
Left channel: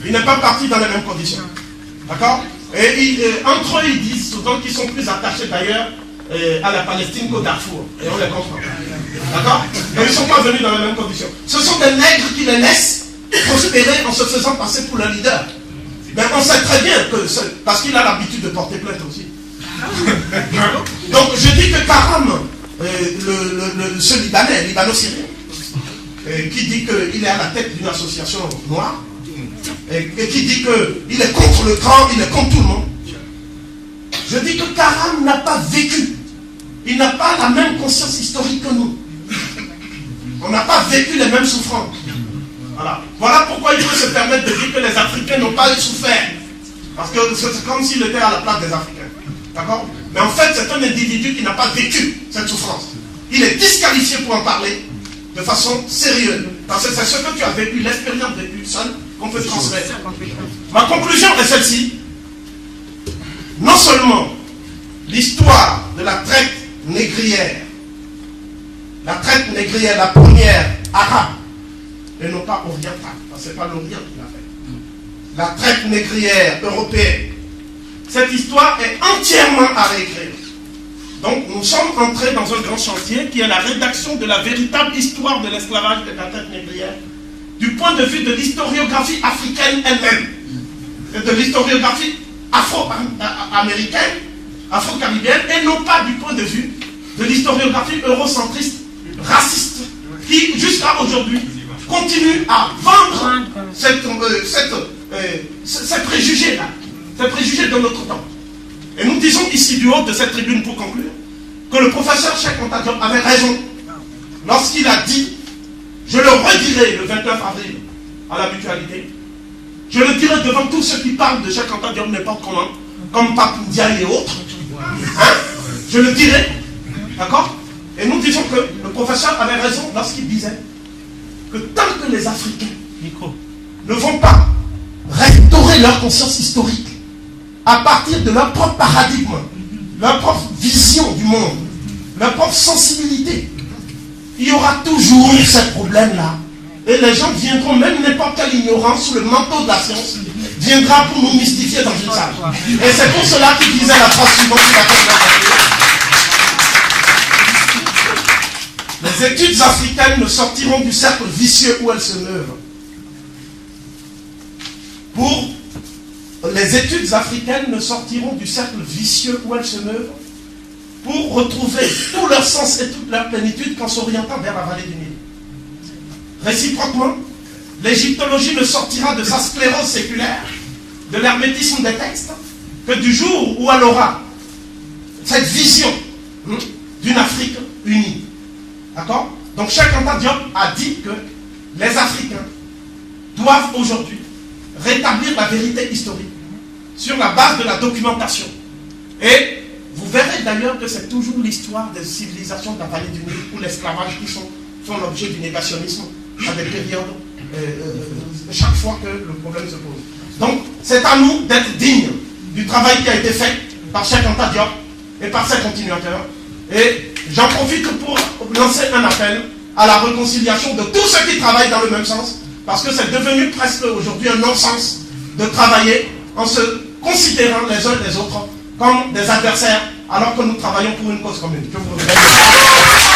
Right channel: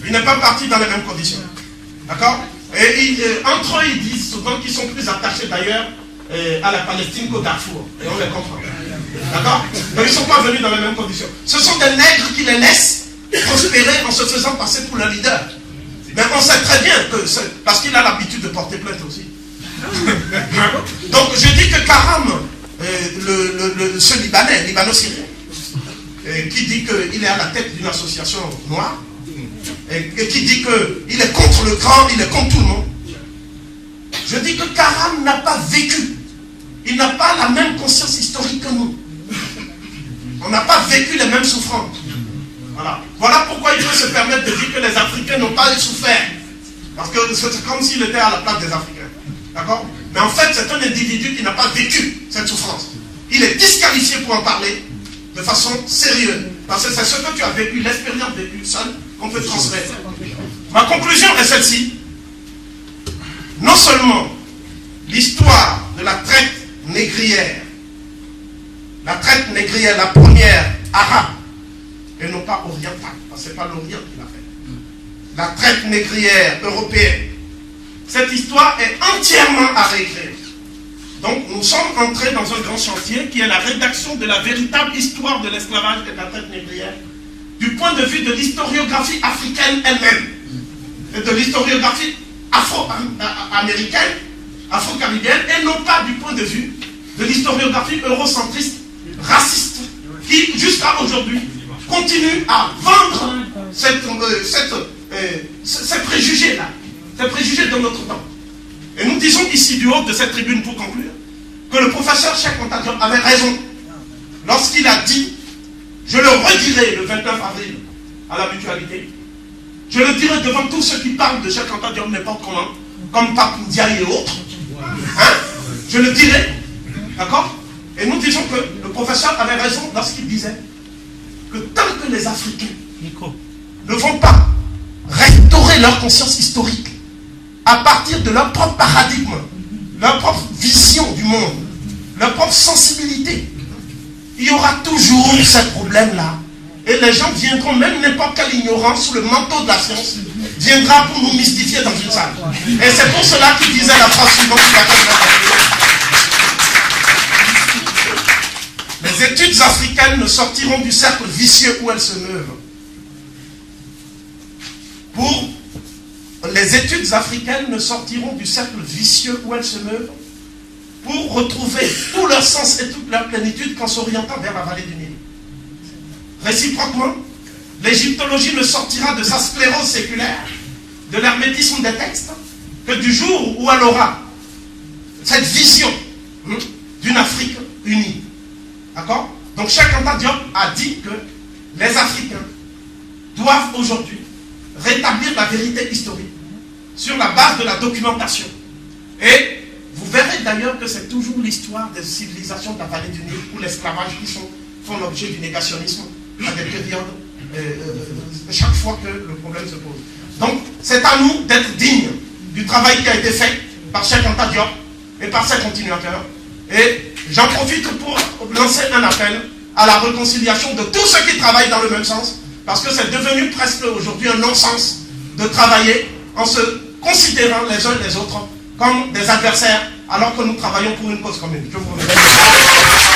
Il n'est pas parti dans les mêmes conditions. D'accord? Et entre eux, ils disent souvent qu'ils sont plus attachés d'ailleurs à la Palestine qu'au Darfour. Et on les comprend. D'accord? Mais ils ne sont pas venus dans les mêmes conditions. Ce sont des nègres qui les laissent prospérer en se faisant passer pour le leader. Mais on sait très bien que parce qu'il a l'habitude de porter plainte aussi. Donc je dis que Karam, ce Libanais, Libano-Syrien, qui dit qu'il est à la tête d'une association noire, et qui dit qu'il est contre le grand, il est contre tout le monde. Je dis que Karam n'a pas vécu. Il n'a pas la même conscience historique que nous. On n'a pas vécu les mêmes souffrances. Voilà pourquoi il peut se permettre de dire que les Africains n'ont pas souffert. Parce que c'est comme s'il était à la place des Africains. D'accord? Mais en fait, c'est un individu qui n'a pas vécu cette souffrance. Il est disqualifié pour en parler de façon sérieuse. Parce que c'est ce que tu as vécu, l'expérience vécue seule, qu'on peut transmettre. Ma conclusion est celle-ci. Non seulement l'histoire de la traite négrière, la première arabe, et non pas orientale, parce que ce n'est pas l'Orient qui l'a fait. La traite négrière européenne. Cette histoire est entièrement à réécrire. Donc nous sommes entrés dans un grand chantier qui est la rédaction de la véritable histoire de l'esclavage et de la traite négrière, du point de vue de l'historiographie africaine elle-même, et de l'historiographie afro-américaine, afro-caribéenne, et non pas du point de vue de l'historiographie eurocentriste, raciste, qui jusqu'à aujourd'hui continue à vendre ces préjugés-là, ces préjugés de notre temps. Et nous disons ici du haut de cette tribune pour conclure, que le professeur Cheikh Anta Diop avait raison lorsqu'il a dit, je le redirai le 29 avril à la Mutualité, je le dirai devant tous ceux qui parlent de Cheikh Anta Diop n'importe comment, comme Pape Ndiaye et autres, hein? Je le dirai, d'accord? Et nous disons que le professeur avait raison lorsqu'il disait que tant que les Africains ne vont pas restaurer leur conscience historique à partir de leur propre paradigme, leur propre vision du monde, leur propre sensibilité, il y aura toujours ce problème-là. Et les gens viendront, même n'importe quelle ignorance sous le manteau de la science, viendra pour nous mystifier dans une salle. Et c'est pour cela qu'il disait la phrase suivante. Les études africaines ne sortiront du cercle vicieux où elles se meurent. Les études africaines ne sortiront du cercle vicieux où elles se meurent pour retrouver tout leur sens et toute leur plénitude qu'en s'orientant vers la vallée du Nil. Réciproquement, l'égyptologie ne sortira de sa sclérose séculaire, de l'hermétisme des textes, que du jour où elle aura cette vision d'une Afrique unie. D'accord? Donc Cheikh Anta Diop a dit que les Africains doivent aujourd'hui rétablir la vérité historique sur la base de la documentation. Et vous verrez d'ailleurs que c'est toujours l'histoire des civilisations de la vallée du Nil ou l'esclavage qui font l'objet du négationnisme à des périodes chaque fois que le problème se pose. Donc c'est à nous d'être dignes du travail qui a été fait par Cheikh Anta Diop et par ses continuateurs. Et j'en profite pour lancer un appel à la réconciliation de tous ceux qui travaillent dans le même sens, parce que c'est devenu presque aujourd'hui un non-sens de travailler en se considérant les uns et les autres comme des adversaires, alors que nous travaillons pour une cause commune. Je vous remercie.